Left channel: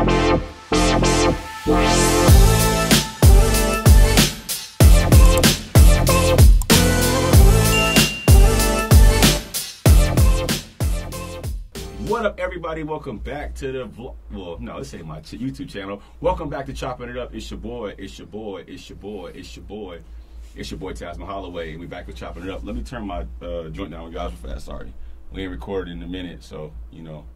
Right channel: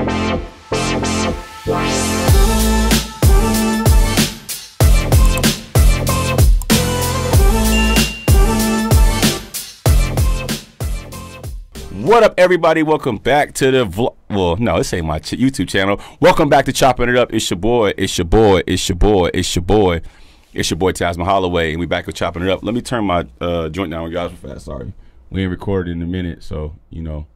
What up, everybody? Welcome back to the vlog. Well, no, this ain't my YouTube channel. Welcome back to Chopping It Up. It's your boy. It's your boy. It's your boy. It's your boy. It's your boy Tasman Holloway, and we back with Chopping It Up. Let me turn my joint down, guys. Fast. Sorry, we ain't recorded in a minute, so you know,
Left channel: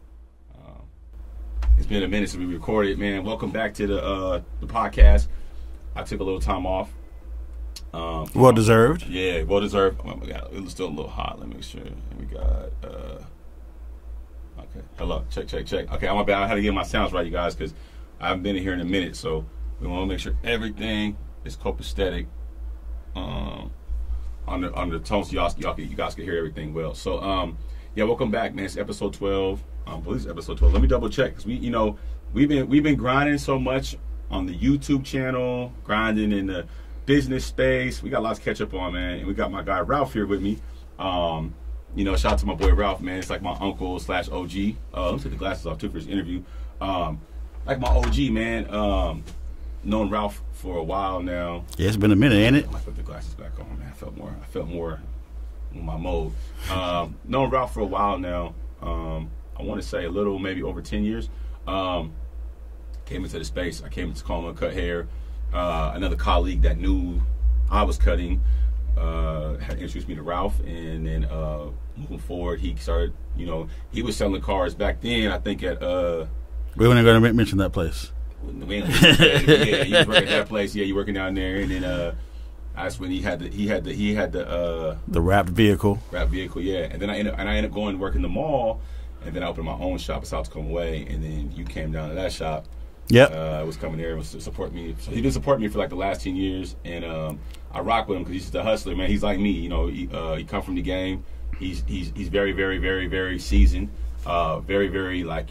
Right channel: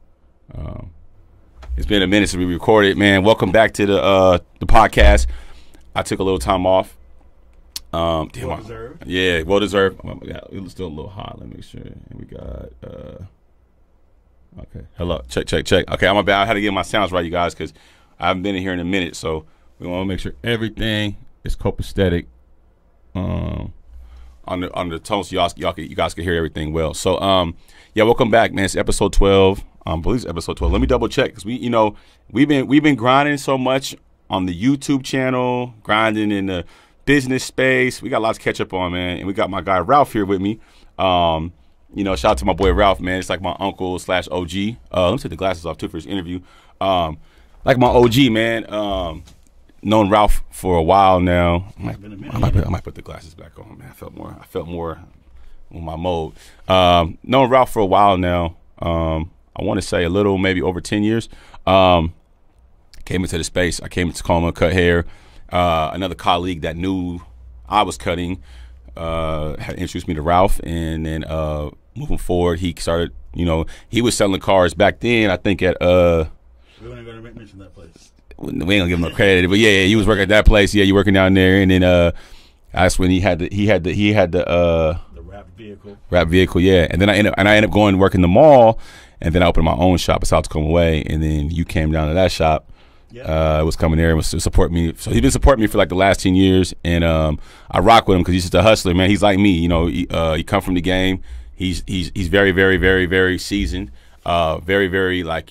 it's been a minute since we recorded. Man, welcome back to the podcast. I took a little time off. Well deserved. Yeah, well deserved. Well, let's do a little hot. Let me make sure we got. Okay. Hello. Check. Okay, I'm about. I had to get my sounds right, you guys, because I haven't been in here in a minute. So we want to make sure everything is copacetic on the tone, so you guys can hear everything well. So yeah, welcome back, man. It's episode 12. I believe it's episode 12. Let me double check, because we've been grinding so much on the YouTube channel, grinding in the business space. We got lots to catch up on, man. And we got my guy Ralph here with me. Shout out to my boy Ralph, man. It's like my uncle / OG. Let me take the glasses off too for this interview. Like my OG, man. Known Ralph for a while now. Yeah, it's been a minute, ain't it? I might put the glasses back on, man. I felt more on my mode. Known Ralph for a while now. I want to say a little, maybe over 10 years. Came into the space. I came into Tacoma, cut hair. Another colleague that knew I was cutting had introduced me to Ralph, and then moving forward, he started, he was selling cars back then, I think at we weren't going to mention that place. We ain't gonna give him credit, but yeah, he was working at that place. Yeah, you working down there, and then that's when he had the wrapped vehicle. Yeah, and then I ended up going to work in the mall, and then I opened my own shop at South Tacoma Way, and then you came down to that shop. Yeah, was coming there and was to support me. So he's been supporting me for like the last 10 years, and I rock with him because he's just a hustler, man. He's like me, he come from the game. He's very, very, very, very seasoned. Very, very like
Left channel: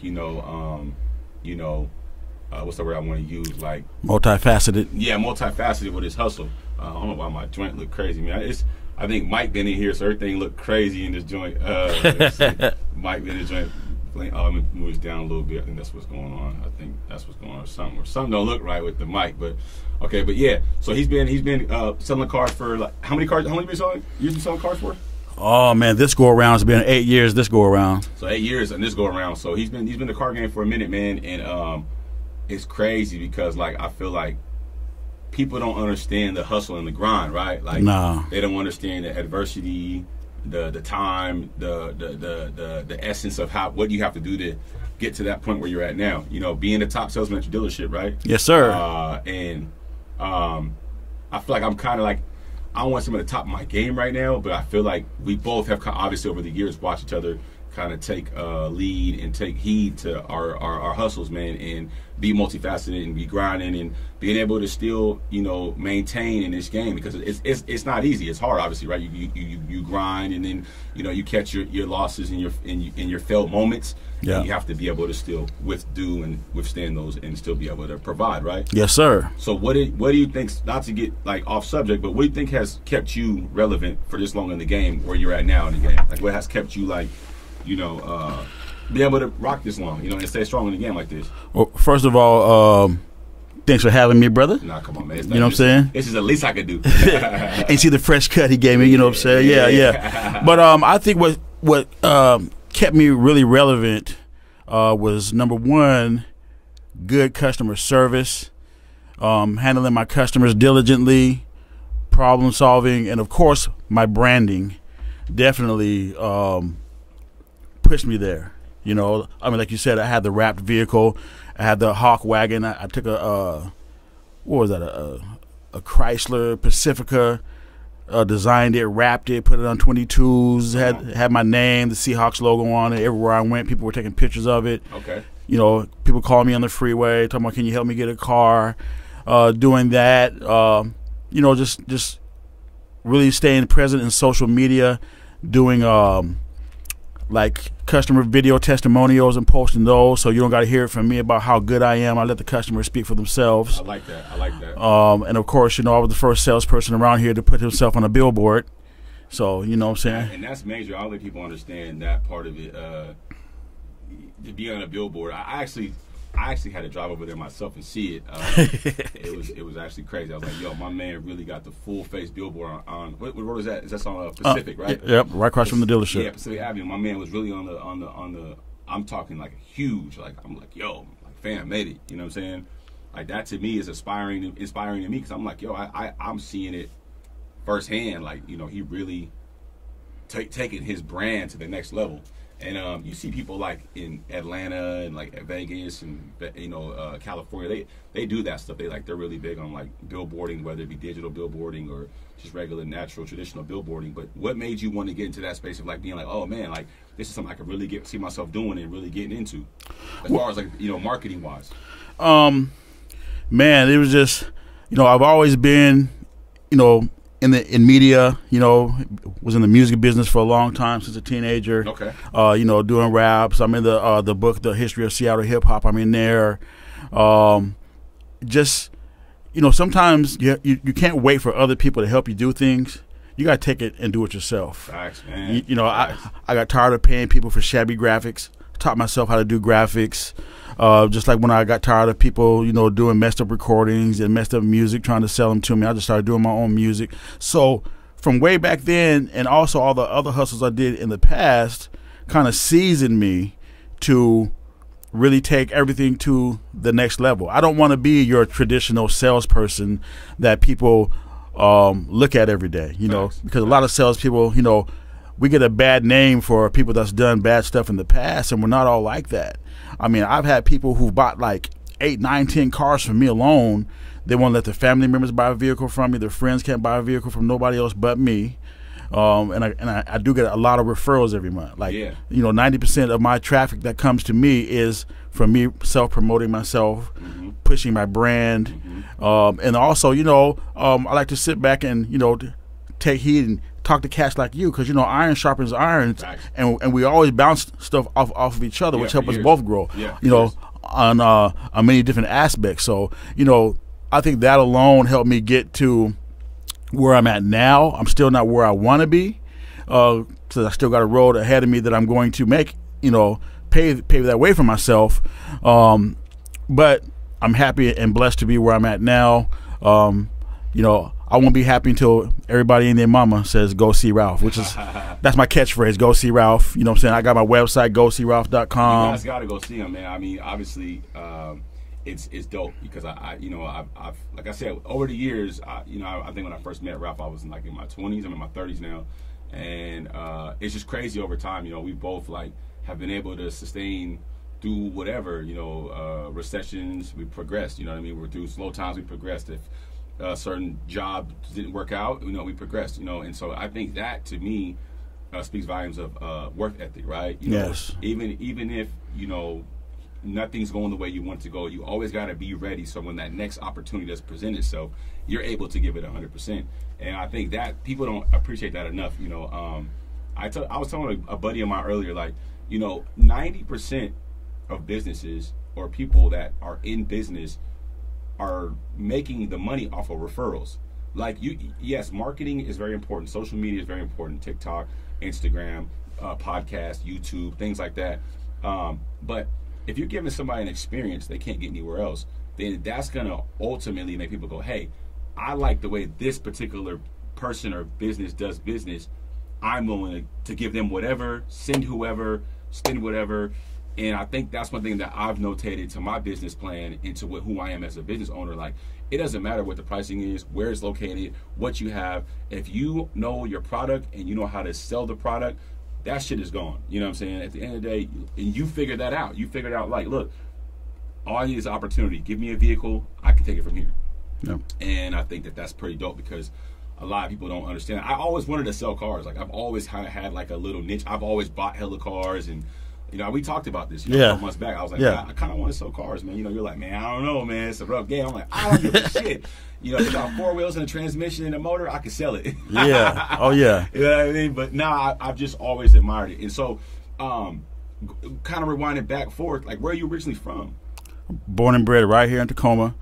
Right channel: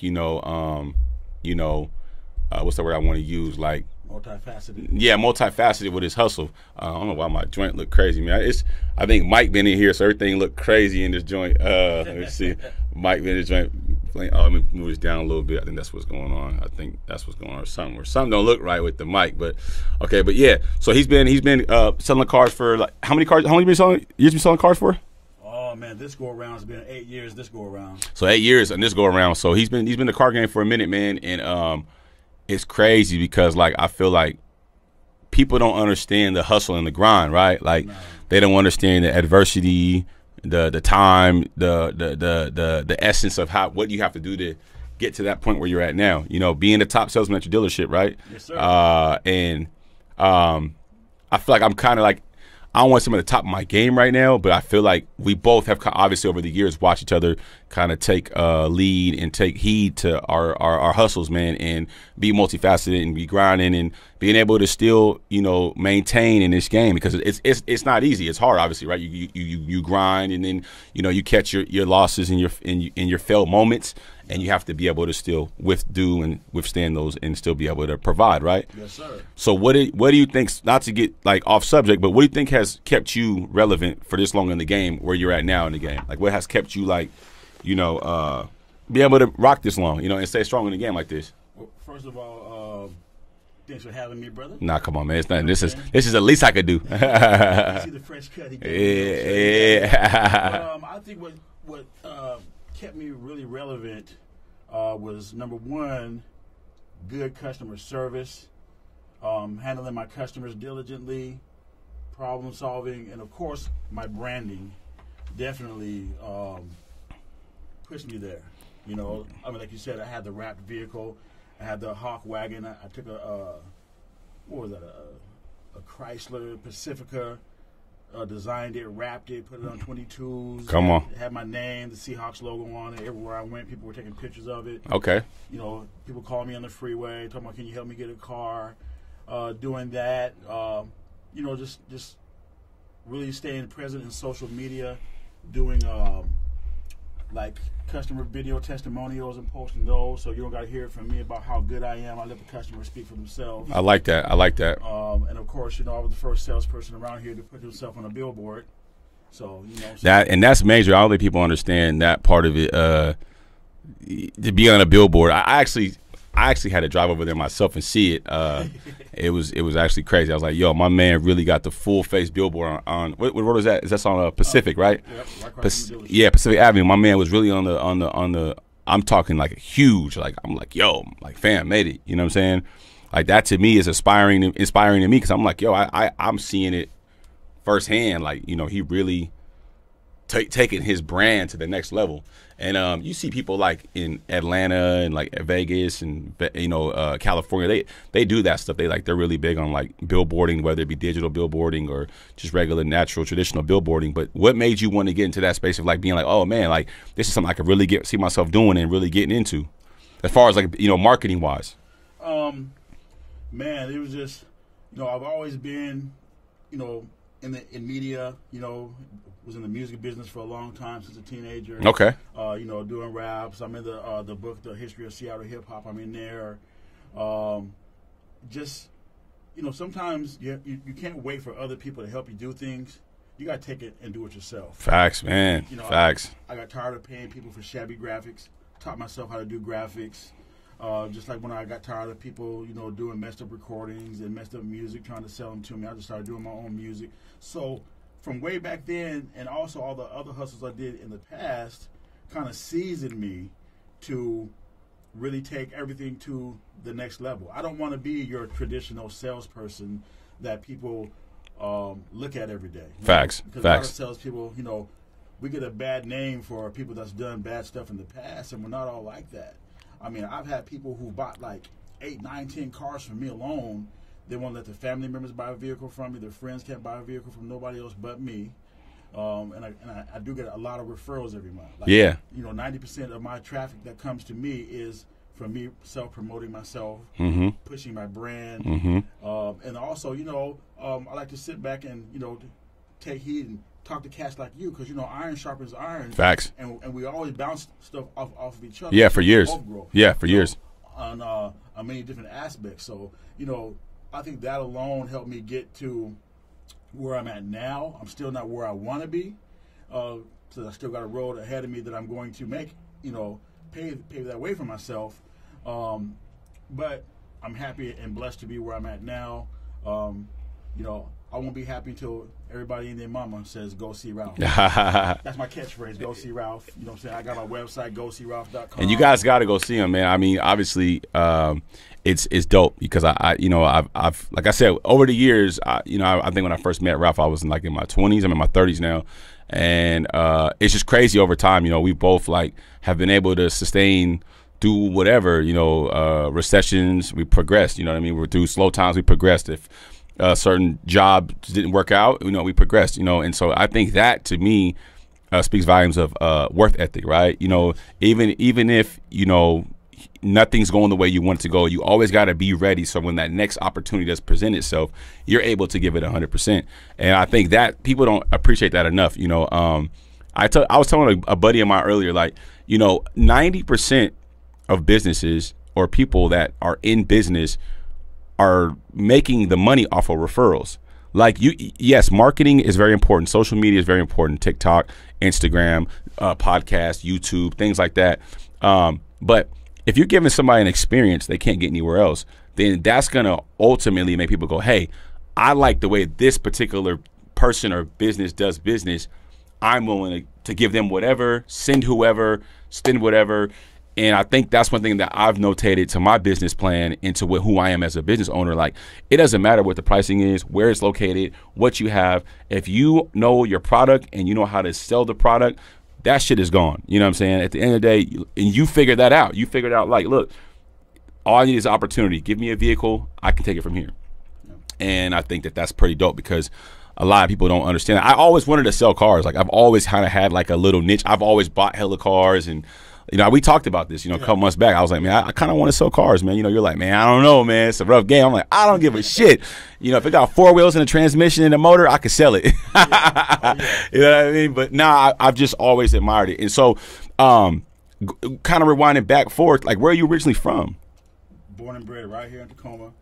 what's the word I want to use? Like multifaceted. Yeah, multifaceted with his hustle. I don't know why my joint look crazy, man. I think Mike been in here, so everything look crazy in this joint. Mike been in this joint. Let me move this down a little bit. I think that's what's going on. Or something don't look right with the mic, but okay. But yeah, so he's been selling cars for like how many cars? How many years been selling cars for? Oh man, this go around has been 8 years. This go around. So 8 years and this go around. So he's been in the car game for a minute, man, and it's crazy because like I feel like people don't understand the hustle and the grind, right? Like they don't understand the adversity, the time, the essence of what you have to do to get to that point where you're at now. Being the top salesman at your dealership, right? Yes, sir. And I feel like I'm kind of like, I don't want to say I'm at the top of my game right now, but I feel like we both have obviously over the years watched each other kind of take lead and take heed to our hustles, man, and be multifaceted and be grinding and being able to still, maintain in this game, because it's not easy. It's hard, obviously, right? You grind, and then you catch your losses and your failed moments, and you have to be able to still withstand those and still be able to provide, right? Yes, sir. So what do you think? Not to get like off subject, but what do you think has kept you relevant for this long in the game, where you're at now in the game? Like, what has kept you like, be able to rock this long, and stay strong in the game like this? Well, first of all, thanks for having me, brother. Nah, come on, man. It's not, what I'm saying? This is the least I could do. And see the fresh cut he gave me, you know what I'm saying? Yeah. But I think what kept me really relevant was, number one, good customer service, handling my customers diligently, problem solving, and of course my branding definitely pushed me there. Like you said, I had the wrapped vehicle, I had the Hawk wagon. I took a Chrysler Pacifica, designed it, wrapped it, put it on 22s, had my name, the Seahawks logo on it. Everywhere I went, people were taking pictures of it. Okay. People called me on the freeway, talking about, can you help me get a car? Doing that, just really staying present in social media, doing like customer video testimonials and posting those, so you don't got to hear it from me about how good I am. I let the customers speak for themselves. I like that. And of course, I was the first salesperson around here to put himself on a billboard. So, what I'm saying? And that's major. I don't think people understand that part of it. To be on a billboard, I actually I actually had to drive over there myself and see it. It was actually crazy. I was like, yo, my man really got the full face billboard on what road is that? Is that on Pacific, right? Yep, right across from the dealership. Yeah, Pacific Avenue. My man was really on the. I'm talking like huge. Like I'm like, yo, like fam, made it. You know what I'm saying? Like that to me is inspiring to me because I'm like, yo, I'm seeing it firsthand. Like, you know, he really taking his brand to the next level. And you see people like in Atlanta and like Vegas and, you know, California, they do that stuff. They're really big on like billboarding, whether it be digital billboarding or just regular, natural, traditional billboarding. But what made you want to get into that space of like being like, oh man, like this is something I could really see myself doing and really getting into, as far as like, you know, marketing wise? Man, it was just, you know, I've always been, you know, in media, you know, was in the music business for a long time since a teenager. Okay. You know, doing raps. I'm in the book, The History of Seattle Hip Hop. I'm in there. Just, you know, sometimes you can't wait for other people to help you do things. You got to take it and do it yourself. Facts, man. You know, Facts. I got tired of paying people for shabby graphics. Taught myself how to do graphics. Just like when I got tired of people, you know, doing messed up recordings and messed up music, trying to sell them to me, I just started doing my own music. So from way back then, and also all the other hustles I did in the past, kind of seasoned me to really take everything to the next level. I don't want to be your traditional salesperson that people look at every day. You Facts. know, because Facts. a lot of salespeople, you know, we get a bad name for people that's done bad stuff in the past, and we're not all like that. I mean, I've had people who bought like 8, 9, 10 cars from me alone. They won't let their family members buy a vehicle from me. Their friends can't buy a vehicle from nobody else but me. And I do get a lot of referrals every month. Like, yeah. You know, 90% of my traffic that comes to me is from me self-promoting myself, pushing my brand. And also, you know, I like to sit back and, you know, take heed and talk to cats like you, because, you know, iron sharpens iron. Facts. And we always bounce stuff off of each other, Yeah, which for helps years. us both grow. Yeah, for you know, years. on many different aspects. So, you know, I think that alone helped me get to where I'm at now. I'm still not where I want to be, because I still got a road ahead of me that I'm going to make, you know, pave that way for myself. But I'm happy and blessed to be where I'm at now. You know, I won't be happy until everybody and their mama says, go see Ralph. Which is, that's my catchphrase, go see Ralph. You know what I'm saying? I got my website, goseeralph.com. And you guys got to go see him, man. I mean, obviously, it's dope because I've like I said, over the years, you know, I think when I first met Ralph, I was in my 20s. I'm in my 30s now. And it's just crazy over time. You know, we both like have been able to sustain, do whatever, you know, recessions, we progressed, you know what I mean? We're through slow times, we progressed. If certain jobs didn't work out, you know, we progressed, you know. And so I think that to me speaks volumes of worth ethic, right? You know, yes. even if, you know, nothing's going the way you want it to go, you always got to be ready, so when that next opportunity does present itself, you're able to give it 100%. And I think that people don't appreciate that enough, you know. I was telling a buddy of mine earlier, like, you know, 90% of businesses or people that are in business are making the money off of referrals. Like, yes, marketing is very important. Social media is very important. TikTok, Instagram, podcast, YouTube, things like that. But if you're giving somebody an experience they can't get anywhere else, then that's going to ultimately make people go, hey, I like the way this particular person or business does business. I'm willing to give them whatever, send whoever, spend whatever. And I think that's one thing that I've notated to my business plan and to who I am as a business owner. Like, it doesn't matter what the pricing is, where it's located, what you have. If you know your product and you know how to sell the product, that shit is gone. You know what I'm saying? At the end of the day, and you figured that out. You figured out, like, look, all I need is opportunity. Give me a vehicle, I can take it from here. Yeah. And I think that that's pretty dope because a lot of people don't understand that. I always wanted to sell cars. Like, I've always kind of had like a little niche. I've always bought hella cars, and you know, we talked about this, you know, a couple months back. I was like, man, I kind of want to sell cars, man. You know, you're like, man, I don't know, man. It's a rough game. I'm like, I don't give a shit. You know, if it got 4 wheels and a transmission and a motor, I could sell it. Yeah. Oh, yeah. You know what I mean? But now I've just always admired it. And so kind of rewinding back forth, like, where are you originally from? Born and bred right here in Tacoma.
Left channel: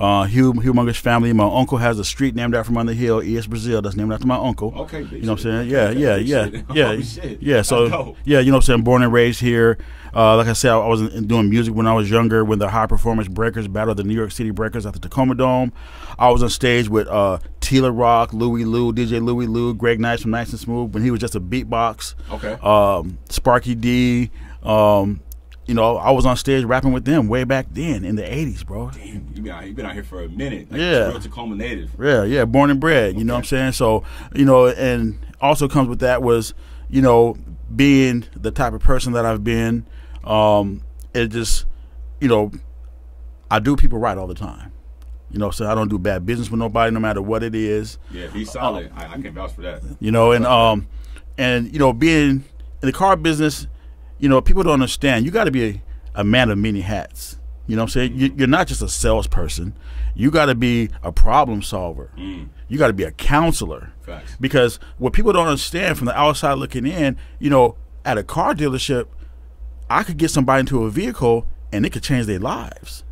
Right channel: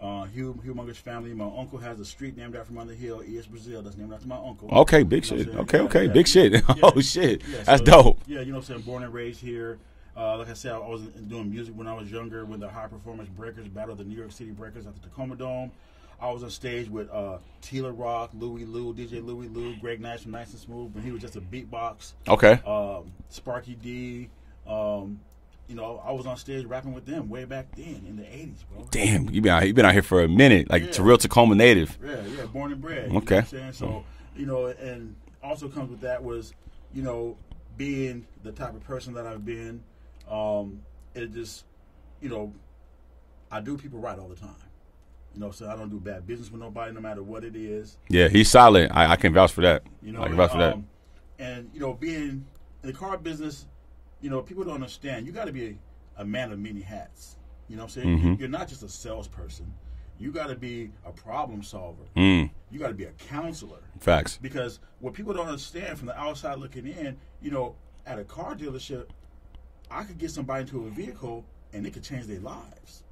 humongous family. My uncle has a street named after him on the hill, East Brazil. That's named after my uncle. Okay, big you know shit. What I'm saying? Okay, yeah, big shit. Yeah, Oh shit. Yeah, so, that's dope. Yeah, you know what I'm saying? Born and raised here. Like I said, I was doing music when I was younger when the High Performance Breakers battled the New York City Breakers at the Tacoma Dome. I was on stage with Tila Rock, Louie Lou, DJ Louie Lou, Greg Nice from Nice and Smooth when he was just a beatbox. Okay. Sparky D. You know, I was on stage rapping with them way back then in the 80s, bro. Damn, you been out here for a minute. Like, it's a real Tacoma native. Yeah, born and bred. You know what I'm saying? So, you know, and also comes with that was, you know, being the type of person that I've been. It just, you know, I do people right all the time. You know, so I don't do bad business with nobody, no matter what it is. Yeah, he's solid. I can vouch for that. You know, and you know, being in the car business, you know, people don't understand. You got to be a man of many hats. You know what I'm saying? You're not just a salesperson. You got to be a problem solver. You got to be a counselor. Facts. Because what people don't understand from the outside looking in, you know, at a car dealership, I could get somebody into a vehicle and it could change their lives.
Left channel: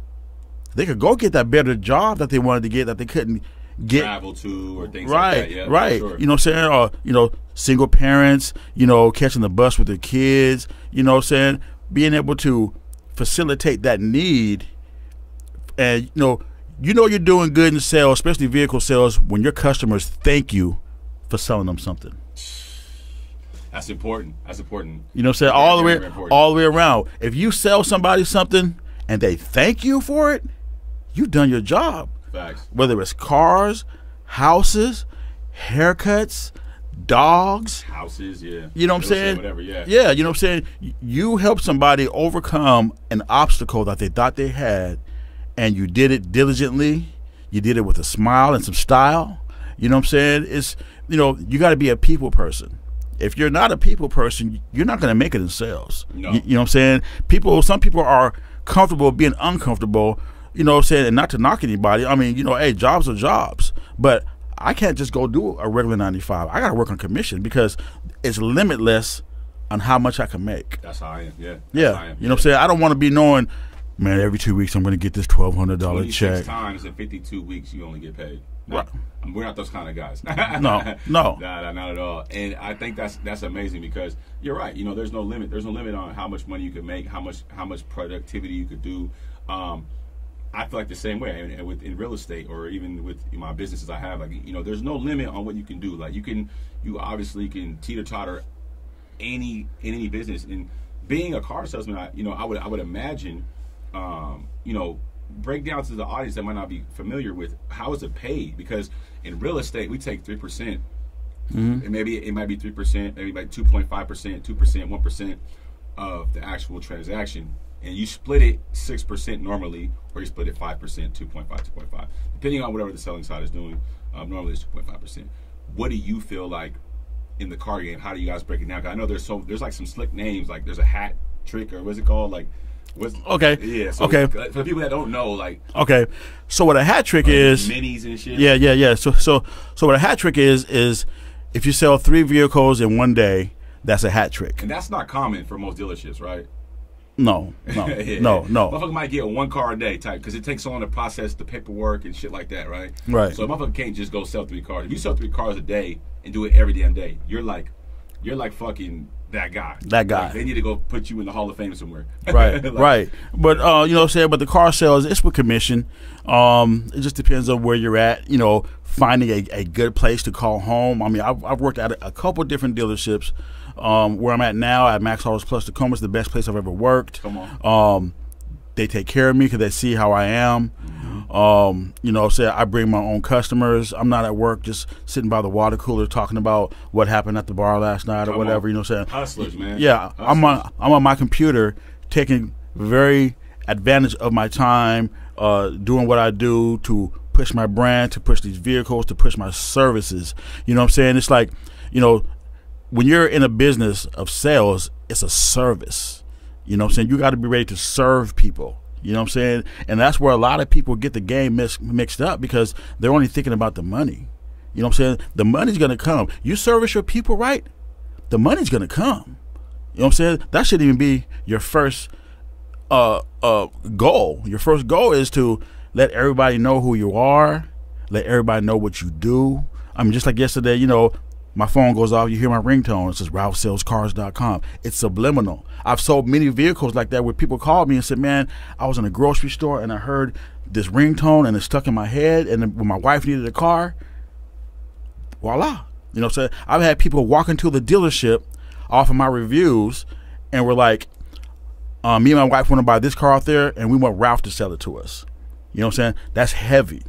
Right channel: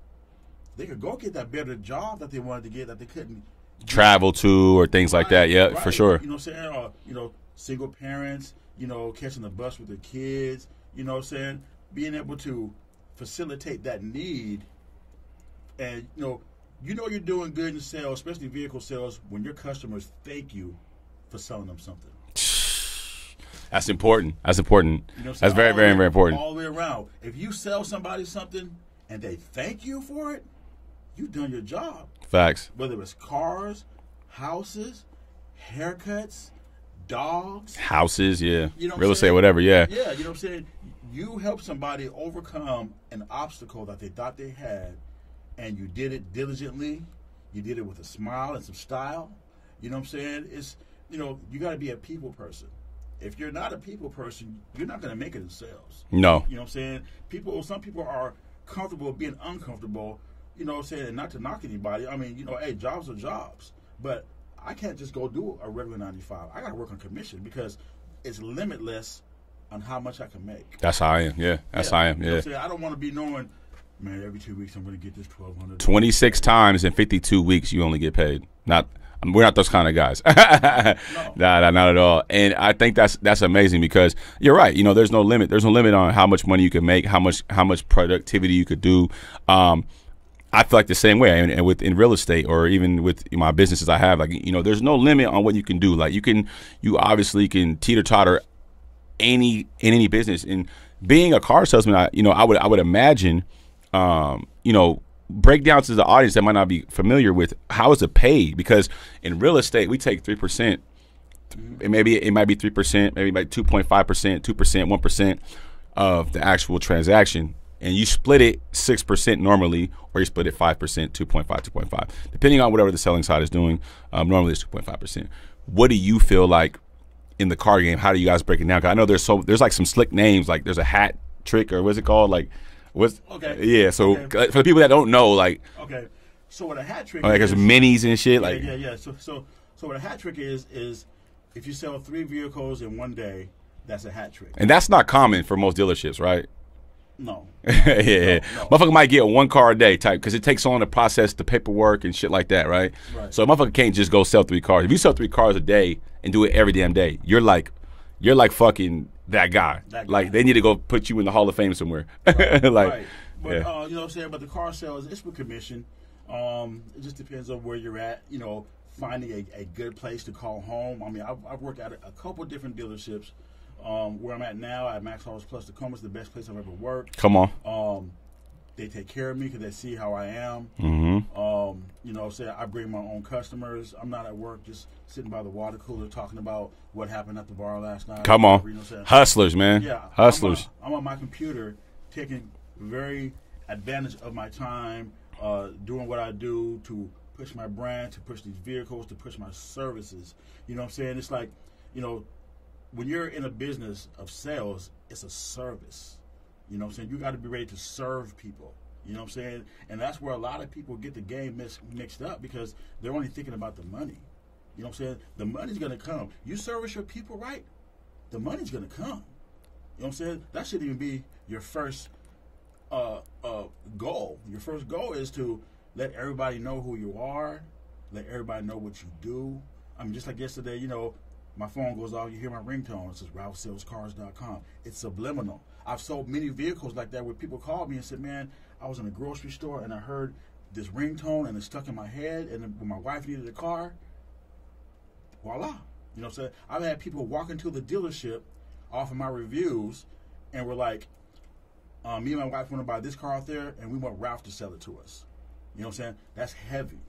They could go get that better job that they wanted to get that they couldn't get. Travel to or things like that. Yeah, right. For sure. You know what I'm saying? Or, you know, single parents, you know, catching the bus with their kids, you know what I'm saying? Being able to facilitate that need. And, you know you're doing good in sales, especially vehicle sales, when your customers thank you for selling them something. That's important. That's important. You know what I'm saying? That's very important. All the way around. If you sell somebody something and they thank you for it, you've done your job. Facts. Whether it's cars, houses, haircuts, dogs. Houses, yeah. You know what I'm saying? Real estate, whatever, yeah. Yeah, you know what I'm saying? You help somebody overcome an obstacle that they thought they had, and you did it diligently. You did it with a smile and some style. You know what I'm saying? It's, you know, you got to be a people person. If you're not a people person, you're not going to make it in sales. No. You know what I'm saying? Some people are comfortable being uncomfortable, you know what I'm saying, and not to knock anybody. I mean, you know, hey, jobs are jobs. But I can't just go do a regular 9 to 5. I got to work on commission because it's limitless on how much I can make. That's how I am, yeah. That's how I am. You know what I'm saying? I don't want to be knowing, man, every 2 weeks I'm going to get this $1,200 26 check. times in 52 weeks you only get paid. We're not those kind of guys. No. Nah, not at all. And I think that's amazing because you're right. You know, there's no limit. There's no limit on how much money you can make, how much productivity you could do. I feel like the same way, and in real estate or even with my businesses I have, like, you know, there's no limit on what you can do. Like you obviously can teeter-totter in any business. And being a car salesman, I would imagine, you know, break down to the audience that might not be familiar with how is it paid, because in real estate we take 3%. It might be 3%, maybe like 2.5%, 2%, 1% of the actual transaction, and you split it 6% normally, or you split it 5%, 2.5, 2.5, depending on whatever the selling side is doing. Normally it's 2.5%. What do you feel like in the car game? How do you guys break it down? 'Cause I know there's like some slick names, like there's a hat trick, or what's it called, like. Okay. Yeah. So okay. For the people that don't know, like. Okay. So what a hat trick is minis and shit. Yeah, yeah. So what a hat trick is if you sell 3 vehicles in one day, that's a hat trick. And that's not common for most dealerships, right? No. Yeah. No. Motherfucker might get 1 car a day type because it takes so long to process the paperwork and shit like that, right? Right. So a motherfucker can't just go sell 3 cars. If you sell 3 cars a day and do it every damn day, you're like fucking. That guy. Like, they need to go put you in the Hall of Fame somewhere. Right. Like, right. But, you know what I'm saying? But the car sales, it's with commission. It just depends on where you're at, you know, finding a good place to call home. I mean, I've worked at a couple different dealerships. Where I'm at now at Max Autos Plus Tacoma is the best place I've ever worked. Come on. They take care of me because they see how I am. You know, say I bring my own customers. I'm not at work just sitting by the water cooler talking about what happened at the bar last night or whatever. You know what I'm saying? Hustlers, man. Yeah, Hustlers. I'm on my computer taking very advantage of my time, doing what I do to push my brand, to push these vehicles, to push my services. You know what I'm saying? It's like, you know, when you're in a business of sales, it's a service. You know what I'm saying? You got to be ready to serve people. You know what I'm saying? And that's where a lot of people get the game mixed up because they're only thinking about the money. You know what I'm saying? The money's going to come. You service your people right, the money's going to come. You know what I'm saying? That shouldn't even be your first goal. Your first goal is to let everybody know who you are, let everybody know what you do. I mean, just like yesterday, you know, my phone goes off, you hear my ringtone, it says RalphSellsCars.com. It's subliminal. I've sold many vehicles like that where people called me and said, man, I was in a grocery store and I heard this ringtone and it stuck in my head, and then when my wife needed a car, voila. You know what I'm saying? I've had people walk into the dealership off of my reviews and were like, me and my wife want to buy this car out there and we want Ralph to sell it to us. You know what I'm saying? That's heavy.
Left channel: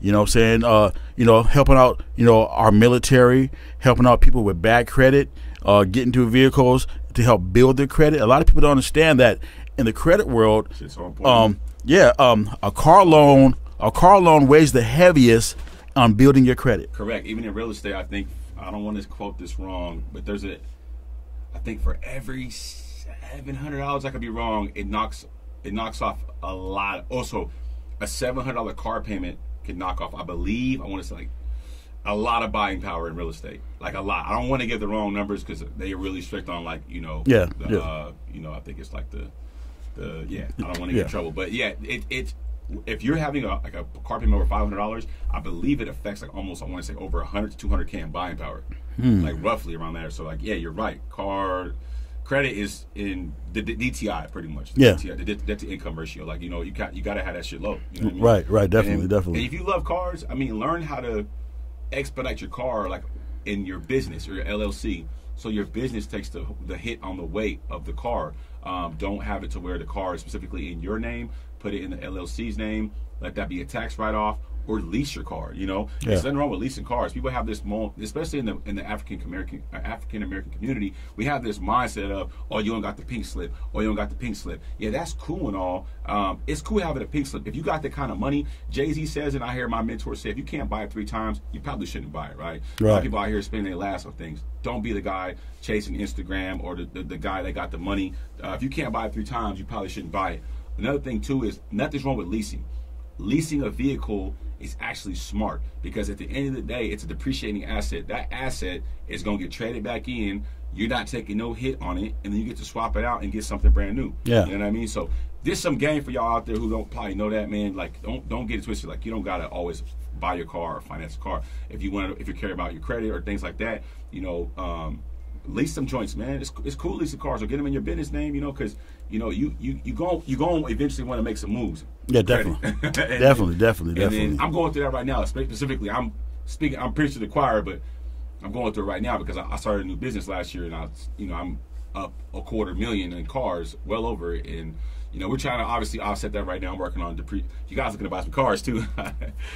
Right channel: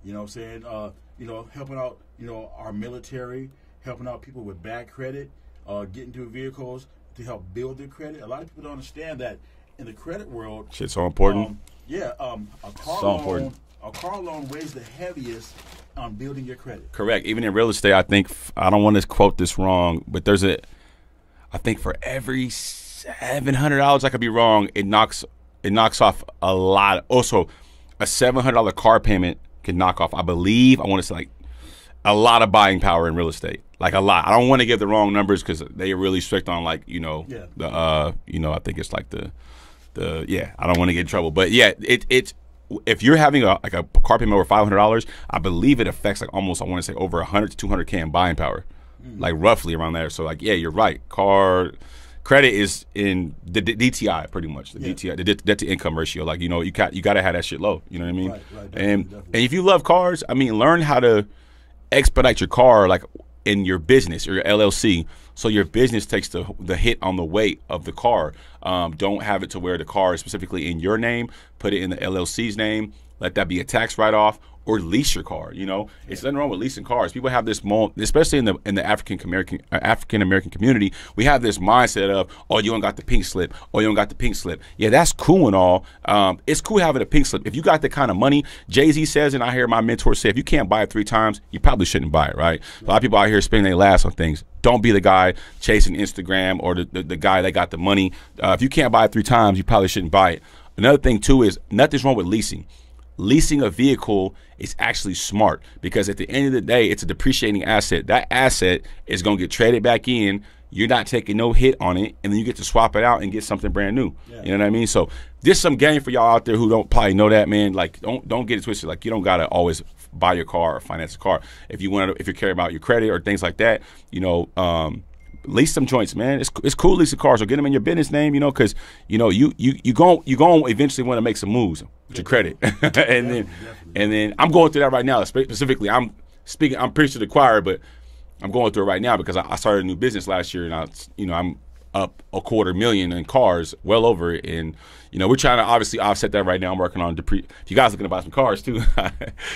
You know what I'm saying? You know, helping out, you know, our military, helping out people with bad credit, getting to vehicles to help build their credit. A lot of people don't understand that in the credit world. Shit's so important. A car loan weighs the heaviest on building your credit. Correct. Even in real estate, I think, I don't want to quote this wrong, but I think for every $700, I could be wrong, it knocks off a lot. Also, a $700 car payment can knock off, I believe, I want to say like a lot of buying power in real estate, like a lot. I don't want to give the wrong numbers because they're really strict on, like, you know, you know, I think it's like the I don't want to get in trouble, but yeah, it's if you're having a car payment over $500, I believe it affects like almost, I want to say over 100 to 200K in buying power, like roughly around there. So like, yeah, you're right. Car credit is in the DTI pretty much. DTI, the debt to income ratio. Like, you know, you got to have that shit low. You know what I mean? Right, definitely. And if you love cars, I mean, learn how to expedite your car, like in your business or your LLC, so your business takes the hit on the weight of the car. Don't have it to where the car is specifically in your name. Put it in the LLC's name. Let that be a tax write-off, or lease your car. You know, there's nothing wrong with leasing cars. People have this, especially in the African American community, we have this mindset of, oh, you don't got the pink slip, or you don't got the pink slip. Yeah, that's cool and all. It's cool having a pink slip. If you got the kind of money, Jay-Z says, and I hear my mentor say, if you can't buy it 3 times, you probably shouldn't buy it, right? A lot of people out here spending their last on things. Don't be the guy chasing Instagram or the guy that got the money. If you can't buy it 3 times, you probably shouldn't buy it. Another thing too is nothing's wrong with leasing. Leasing a vehicle is actually smart because at the end of the day, it's a depreciating asset. That asset is going to get traded back in. You're not taking no hit on it, and then you get to swap it out and get something brand new. Yeah. You know what I mean? So there's some game for y'all out there who don't probably know that, man. Like, don't get it twisted. Like, you don't gotta always buy your car or finance a car. If you care about your credit or things like that, you know, lease some joints, man. It's cool leasing cars, or get them in your business name, you know, because you know you going eventually want to make some moves. Yeah, credit. definitely. And then I'm going through that right now. Specifically, I'm preaching to the choir, but I'm going through it right now because I started a new business last year, and I'm up $250,000 in cars, well over it, and you know, we're trying to obviously offset that right now. I'm working on if you guys looking to buy some cars too,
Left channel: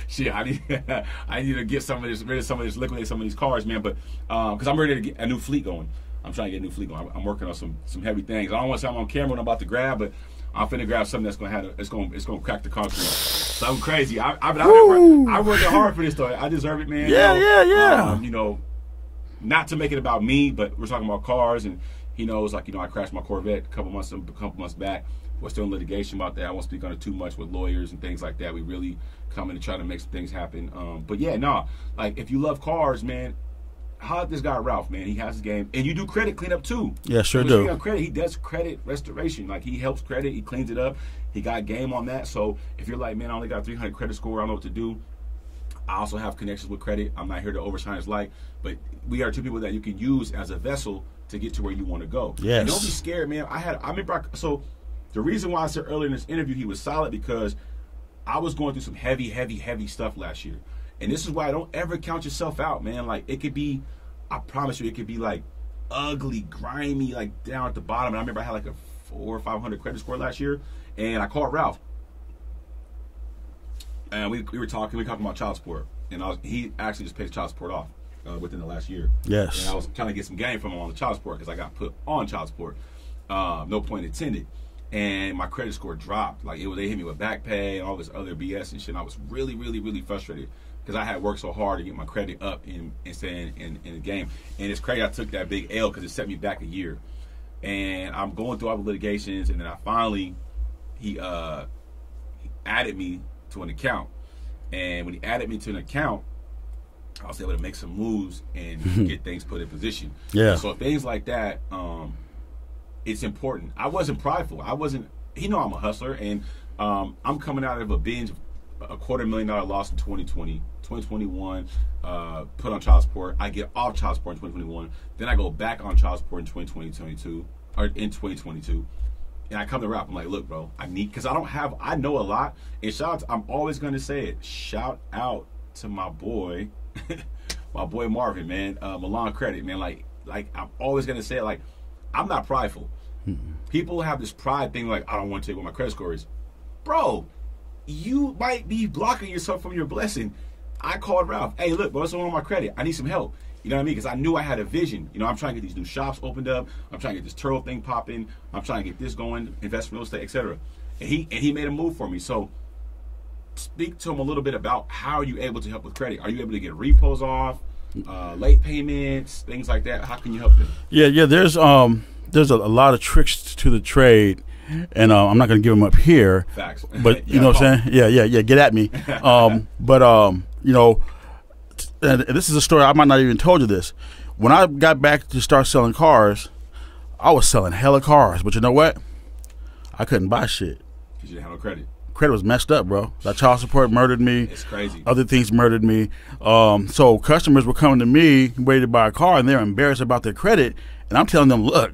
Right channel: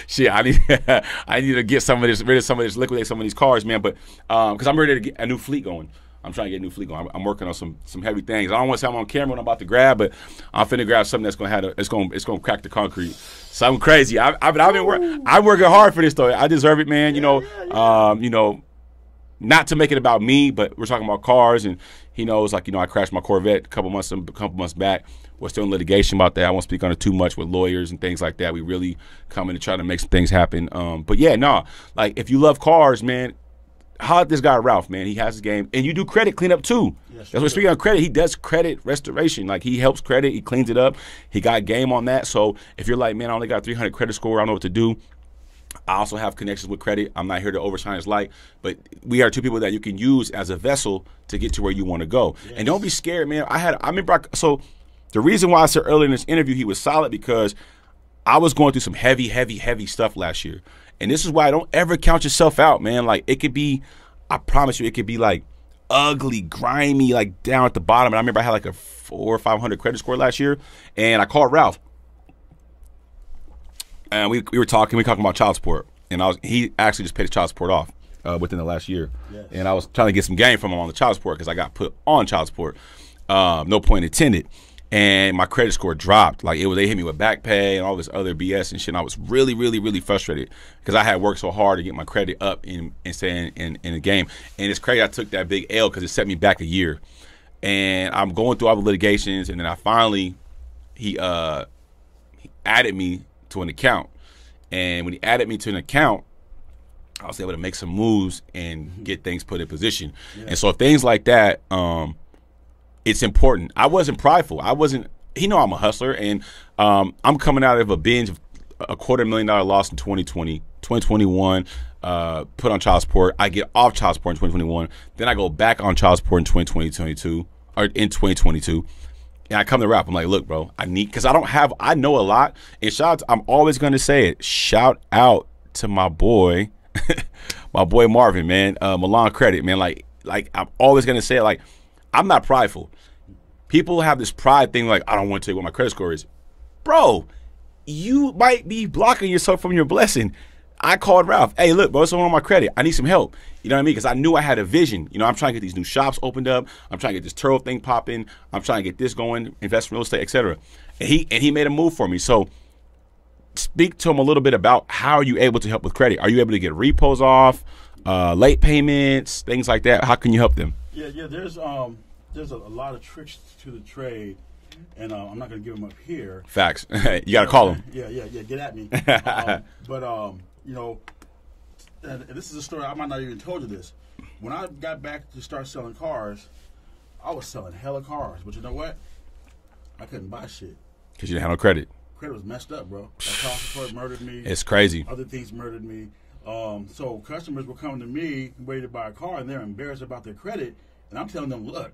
shit, I need to get rid of some of this, liquidate some of these cars, man. But because I'm ready to get a new fleet going. I'm trying to get a new fleet going. I'm working on some heavy things. I don't want to say I'm on camera when I'm about to grab, but I'm finna grab something that's gonna it's gonna crack the concrete. Something crazy. I'm working hard for this though. I deserve it, man. Yeah. You know, not to make it about me, but we're talking about cars, and he knows, like, you know, I crashed my Corvette a couple months back. We're still in litigation about that. I won't speak on it too much with lawyers and things like that. We really come in to try to make some things happen. But yeah, no, like, if you love cars, man, holler at this guy Ralph, man. He has his game, and you do credit cleanup too. Yeah, sure. So speaking on credit, he does credit restoration. Like, he helps credit, he cleans it up. He got game on that. So if you're like, man, I only got 300 credit score, I don't know what to do. I also have connections with credit. I'm not here to overshine his light, but we are 2 people that you can use as a vessel to get to where you want to go. Yes. And don't be scared, man. I remember. So the reason why I said earlier in this interview he was solid, because I was going through some heavy stuff last year. And this is why I don't ever count yourself out, man. Like, it could be, I promise you, it could be like ugly, grimy, like down at the bottom. And I remember I had like a 400 or 500 credit score last year, and I called Ralph. And we were talking about child support, and he actually just paid his child support off within the last year. Yes. And I was trying to get some game from him on the child support because I got put on child support. No point intended. And my credit score dropped. Like, they hit me with back pay and all this other BS and shit. And I was really frustrated because I had worked so hard to get my credit up in the game. And it's crazy I took that big L because it set me back a year. And I'm going through all the litigations, and then I finally he added me to an account. And when he added me to an account, I was able to make some moves and get things put in position. Yeah. And so things like that, it's important. I wasn't prideful. He know I'm a hustler, and I'm coming out of a binge a $250,000 loss in 2020, 2021. Put on child support. I get off child support in 2021. Then I go back on child support in 2022, or in 2022. And I come to rap. I'm like, look, bro, I know a lot. And I'm always going to say it. Shout out to my boy, my boy Marvin, man. Milan Credit, man. Like I'm always going to say it. Like, I'm not prideful. People have this pride thing like, I don't want to tell you what my credit score is. Bro, you might be blocking yourself from your blessing. I called Ralph. Hey, look, bro, someone on my credit. I need some help. You know what I mean? Because I knew I had a vision. You know, I'm trying to get these new shops opened up. I'm trying to get this Turo thing popping. I'm trying to get this going, invest in real estate, etc. And he made a move for me. So speak to him a little bit about how are you able to help with credit. Are you able to get repos off, late payments, things like that? How can you help them? Yeah. There's a lot of tricks to the trade. And I'm not going to give them up here. Facts. But you know what I'm saying? Yeah. Get at me. You know, and this is a story I might not even told you this. When I got back to start selling cars, I was selling hella cars. But you know what? I couldn't buy shit. Because you didn't have no credit. Credit was messed up, bro. That child support murdered me. It's crazy. Other things murdered me. So customers were coming to me ready to buy a car, and they're embarrassed about their credit. And I'm telling them, look,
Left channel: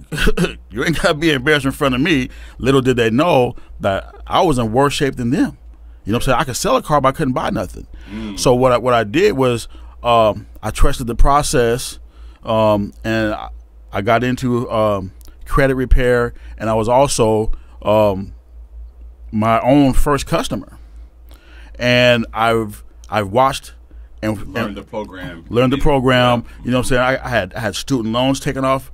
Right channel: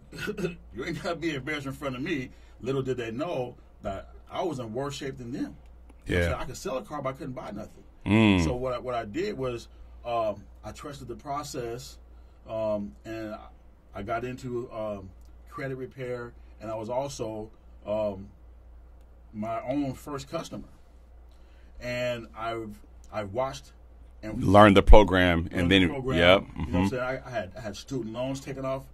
you ain't got to be embarrassed in front of me. Little did they know that I was in worse shape than them. You know what I'm saying? I could sell a car, but I couldn't buy nothing. So what I did was I trusted the process, and I got into credit repair, and I was also my own first customer. And I've watched and learned the program. You know what I'm saying? I had student loans taken off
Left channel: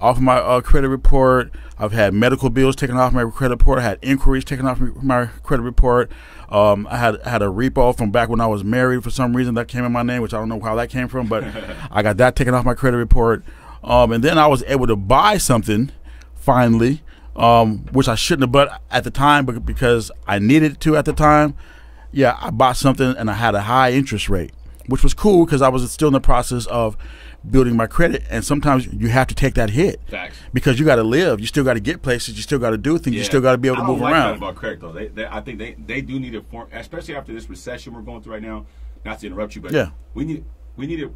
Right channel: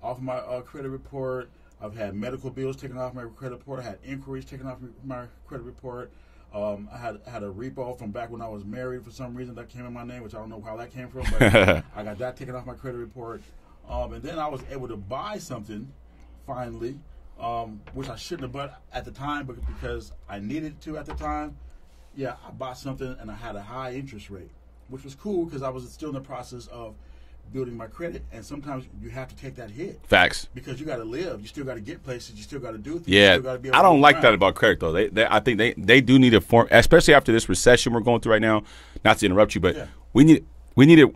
of my credit report. I've had medical bills taken off my credit report. I had inquiries taken off my credit report. I had a repo from back when I was married for some reason that came in my name, which I don't know how that came from, but I got that taken off my credit report. And then I was able to buy something finally, which I shouldn't have bought at the time, but because I needed to at the time. Yeah, I bought something and I had a high interest rate, which was cool because I was still in the process of building my credit, and sometimes you have to take that hit. Facts. Because you got to live, you still got to get places, you still got to do things, you still got to be able to move around. I don't like that about credit though. I think they do need a form, especially after this recession we're going through right now. Not to interrupt you, but we need to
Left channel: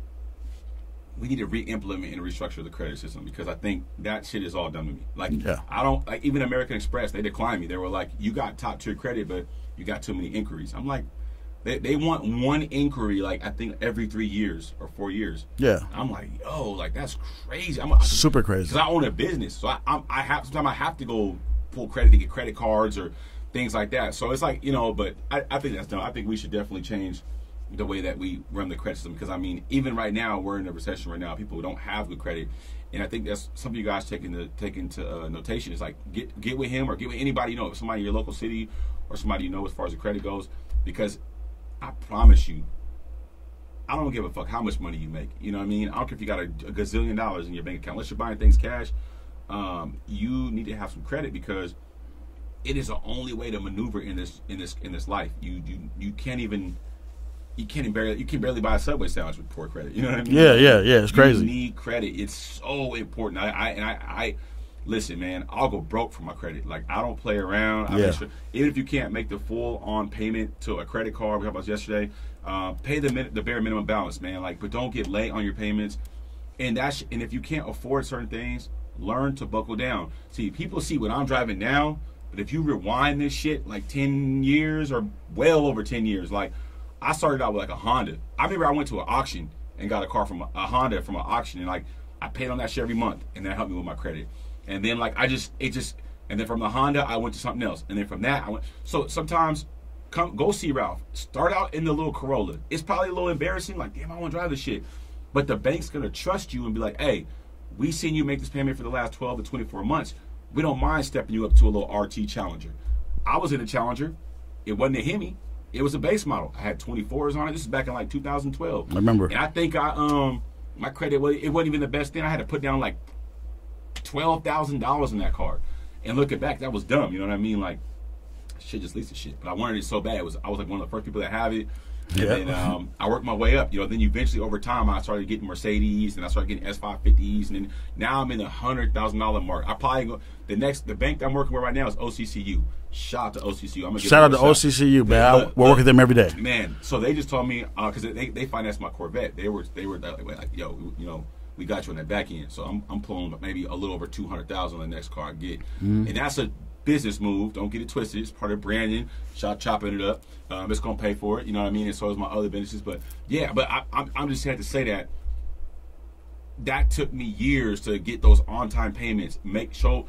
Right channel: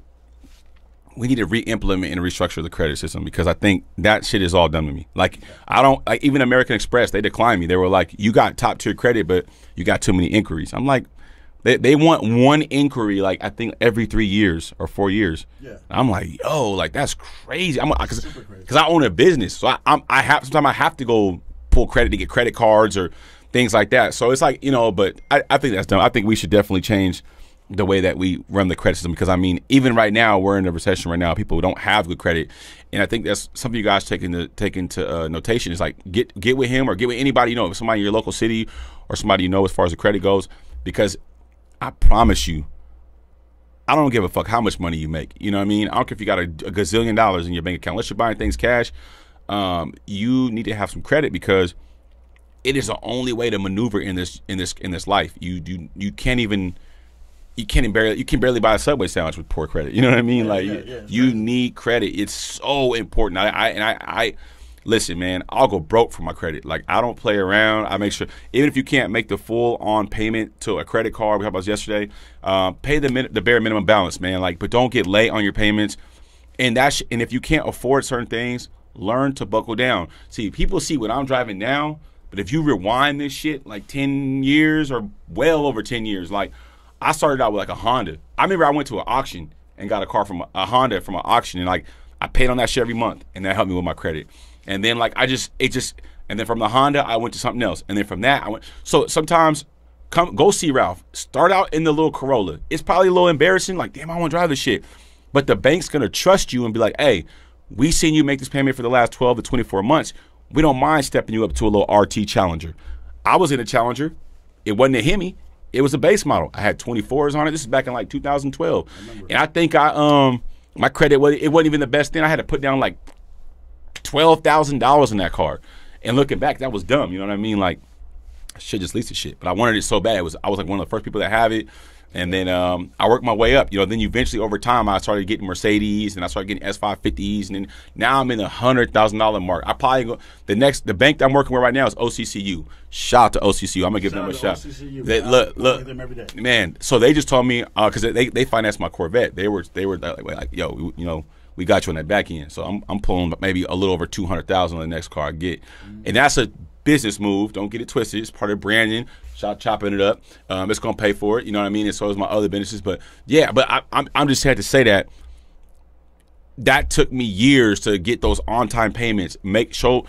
re-implement and restructure the credit system because I think that shit is all done to me. Like I don't like even American Express. They declined me. They were like, you got top tier credit, but you got too many inquiries. I'm like. They want one inquiry, like I think every 3 years or 4 years. Yeah, I'm like, yo, like that's crazy. Super crazy because I own a business, so sometimes I have to go pull credit to get credit cards or things like that. So it's like but I think that's dumb. I think we should definitely change the way that we run the credit system because I mean, even right now we're in a recession right now. People don't have good credit, and I think that's something you guys take into notation. Is like get with him or get with anybody somebody in your local city or somebody as far as the credit goes because. I promise you, I don't give a fuck how much money you make. You know what I mean? I don't care if you got a gazillion dollars in your bank account. Unless you're buying things cash, you need to have some credit because it is the only way to maneuver in this life. You can barely buy a Subway sandwich with poor credit. You know what I mean? Yeah, it's crazy. You need credit. It's so important. I listen, man, I'll go broke for my credit. Like, I don't play around. I make sure, even if you can't make the full-on payment to a credit card, we talked about this yesterday, pay the bare minimum balance, man. Like, but don't get late on your payments. And and if you can't afford certain things, learn to buckle down. See, people see what I'm driving now, but if you rewind this shit like 10 years or well over 10 years, like, I started out with like a Honda. I remember I went to an auction and got a car from a Honda from an auction, and like I paid on that shit every month, and that helped me with my credit. And then like and then from the Honda I went to something else, and then from that I went. So sometimes go see Ralph. Start out in the little Corolla. It's probably a little embarrassing, like damn I want to drive this shit, but the bank's gonna trust you and be like, hey, we seen you make this payment for the last 12 to 24 months. We don't mind stepping you up to a little RT Challenger. I was in a Challenger. It wasn't a Hemi. It was a base model. I had 24s on it. This is back in like 2012. I remember. And I think my credit it wasn't even the best thing. I had to put down like $12,000 in that car. And looking back, that was dumb. You know what I mean? Like, should just lease the shit. But I wanted it so bad. I was like one of the first people that have it. And then I worked my way up, you know. Then eventually, over time, I started getting Mercedes, and I started getting S550s, and then now I'm in the $100,000 mark. I probably go the bank that I'm working with right now is OCCU. Shout out to OCCU. I'm gonna give shout out to OCCU, man. We're working with them every day, man. So they just told me because they financed my Corvette. They were like, yo, you know, we got you on that back end. So I'm pulling maybe a little over $200,000 on the next car I get, and that's a business move. Don't get it twisted. It's part of branding. Chopping it up. It's gonna pay for it. You know what I mean? And so is my other businesses. But yeah, but I'm just had to say that took me years to get those on time payments. I could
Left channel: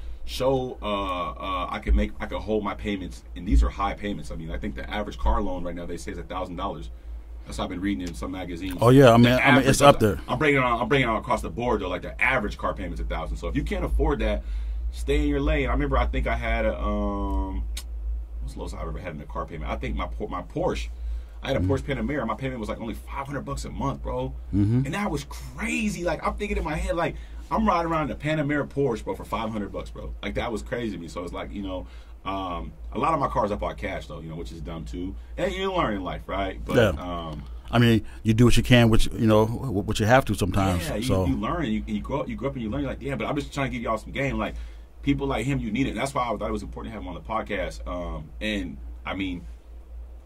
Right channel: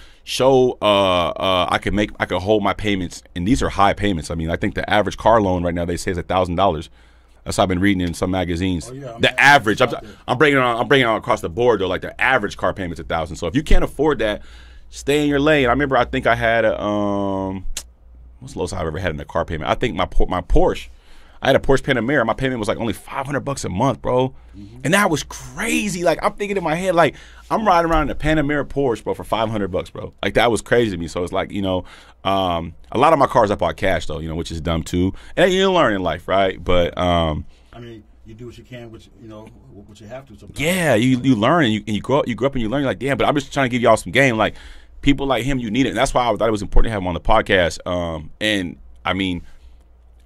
hold my payments, and these are high payments. I mean, I think the average car loan right now they say is $1,000. That's what I've been reading in some magazines. Oh yeah, the average it's up there. I'm bringing it on across the board though. Like the average car payment's $1,000. So if you can't afford that, stay in your lane. I remember I think I had a what's the lowest I've ever had in a car payment? I think my Porsche. I had a Porsche Panamera. My payment was like only $500 a month, bro. And that was crazy. Like I'm thinking in my head, like I'm riding around in a Panamera Porsche, bro, for $500, bro. Like that was crazy to me. So it's like, you know, a lot of my cars I bought cash though, you know, which is dumb too. And you learn in life, right? But I mean, you do what you can, which you know, what you have to sometimes. Yeah, you learn and you grow up and you learn. You're like, damn. But I'm just trying to give y'all some game, like. People like him, you need it. And that's why I thought it was important to have him on the podcast. And, I mean,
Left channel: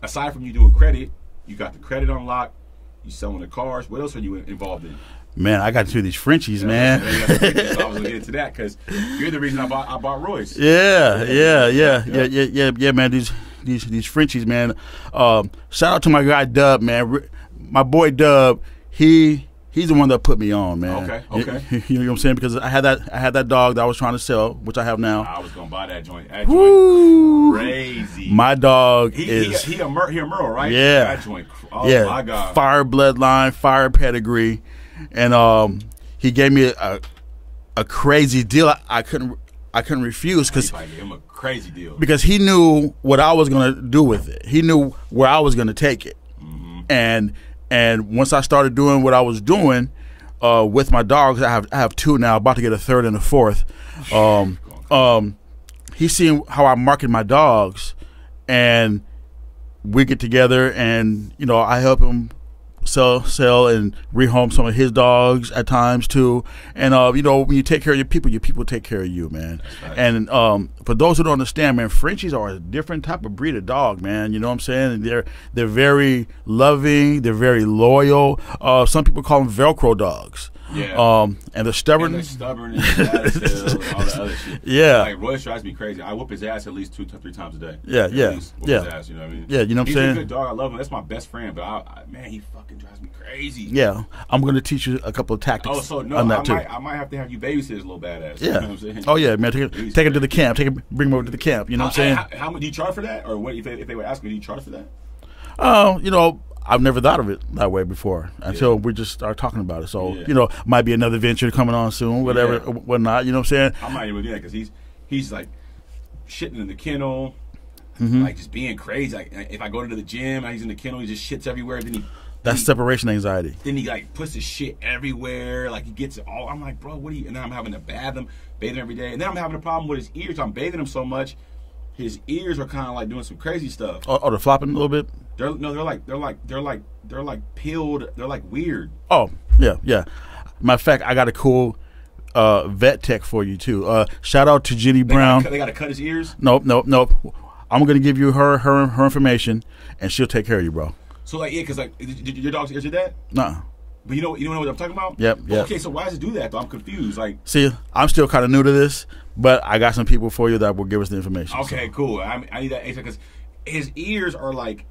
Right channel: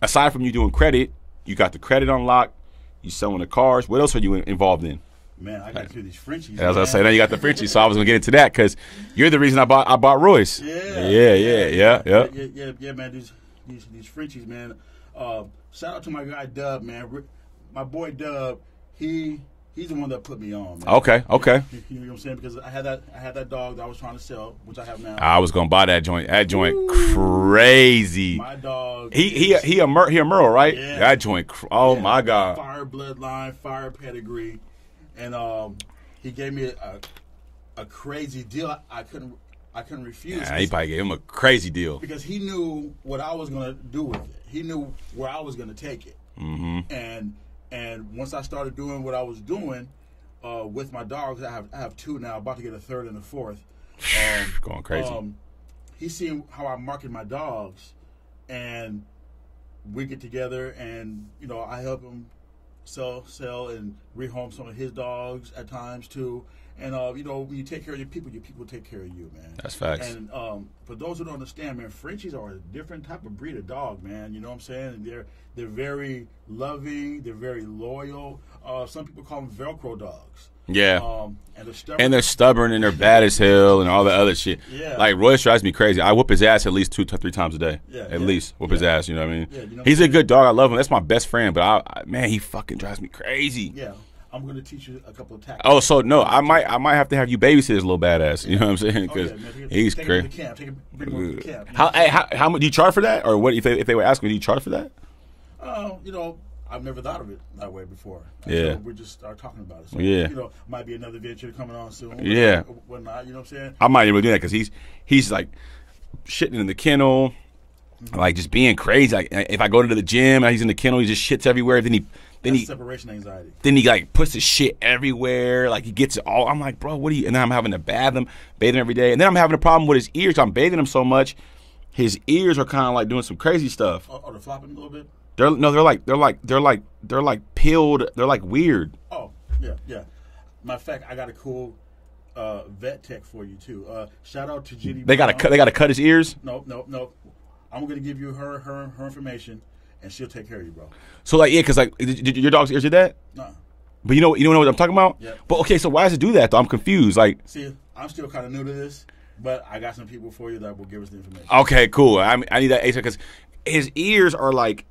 aside from you doing credit, you got the credit on lock, you selling the cars. What else are you involved in? Man, I got to do these Frenchies, man. As I said, now you got the Frenchies, so I was going to get into that because you're the reason I bought Royce. Yeah, man, these Frenchies, man. Shout out to my guy, Dub, man. My boy, Dub, He's the one that put me on, man. Okay. You know what I'm saying? Because I had that dog that I was trying to sell, which I have now. I was gonna buy that joint. That joint crazy. My dog. He a Merle, right? Yeah. That joint. Oh my God. Fire bloodline, fire pedigree, and he gave me a crazy deal. I couldn't refuse because he probably gave him a crazy deal because he knew what I was gonna do with it. He knew where I was gonna take it, And once I started doing what I was doing with my dogs, I have two now, about to get a third and a fourth. Going crazy. He's seen how I market my dogs, and we get together, and you know I help him sell and rehome some of his dogs at times too. And you know, when you take care of your people take care of you, man. That's facts. And for those who don't understand, man, Frenchies are a different type of breed of dog, man. You know what I'm saying? And they're very loving, they're very loyal. Some people call them Velcro dogs. Yeah. And they're stubborn. And they're stubborn and they're bad as hell and all that other shit. Yeah. Like Royce drives me crazy. I whoop his ass at least 2 to 3 times a day. Yeah. At least whoop his ass. You know what I mean? Yeah. You know what He's I'm saying? a good dog. I love him. That's my best friend. But man, he fucking drives me crazy. Yeah. I'm gonna teach you a couple of tactics. Oh, so no, I might have to have you babysit his little badass. Yeah. You know what I'm saying? Oh yeah, man. Take him to the camp. Bring him over to the camp. You know what I'm saying? How much do you charge for that? Or what if they were asking, do you charge for that? You know, I've never thought of it that way before until we just start talking about it. So, you know, might be another venture coming on soon, whatever, whatnot. You know what I'm saying? I might even do that because he's like shitting in the kennel, like just being crazy. Like if I go to the gym and he's in the kennel, he just shits everywhere. That's separation anxiety. Then he like puts his shit everywhere. Like he gets it all. I'm like, bro, what are you? And then I'm having to bathe him every day. And then I'm having a problem with his ears. I'm bathing him so much, his ears are kind of like doing some crazy stuff. Oh, they're flopping a little bit. They're like peeled. They're like weird. Oh yeah. Matter of fact, I got a cool vet tech for you too. Shout out to Jenny Brown. They got to cut his ears. Nope. I'm gonna give you her information, and she'll take care of you, bro. So like because like your dog's ears did that? No. But you know what I'm talking about? Yep. But okay, so why does it do that though? I'm confused. Like, see, I'm still kind of new to this, but I got some people for you that will give us the information. Okay, cool. I need that ASAP because his ears are like.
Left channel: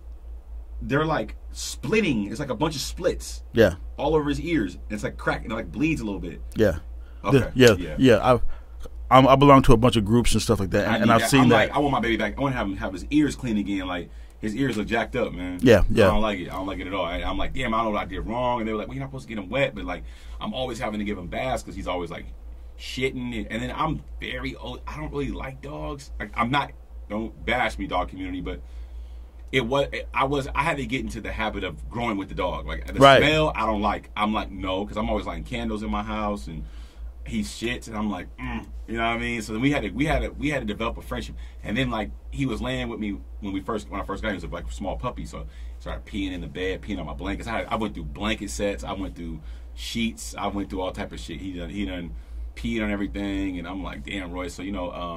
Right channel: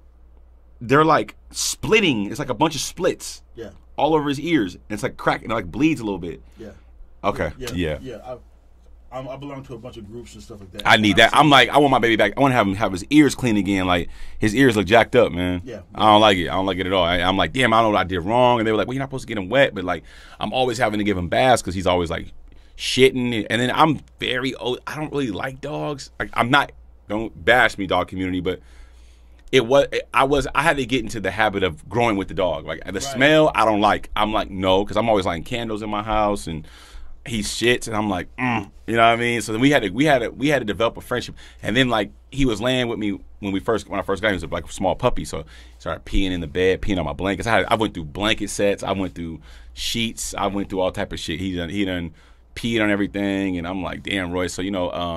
They're like splitting. It's like a bunch of splits. Yeah. All over his ears. And it's like cracking. It like bleeds a little bit. Yeah. Okay. Yeah. I belong to a bunch of groups and stuff like that. I need that. I'm like, I want my baby back. I want to have his ears clean again. Like his ears look jacked up, man. Yeah. I don't like it. I don't like it at all. I'm like, damn, I don't know what I did wrong. And they were like, well, you're not supposed to get him wet. But like, I'm always having to give him baths because he's always like shitting. And then I'm very old. I don't really like dogs. Like I'm not. Don't bash me, dog community, but. I had to get into the habit of growing with the dog. Like the smell, I don't like. I'm like no, because I'm always lighting candles in my house, and he shits, and I'm like, you know what I mean? So then we had to develop a friendship, and then like he was laying with me when I first got him. He was like a small puppy, so he started peeing in the bed, peeing on my blankets. I went through blanket sets, I went through sheets, I went through all type of shit. He done peed on everything, and I'm like, damn, Roy. So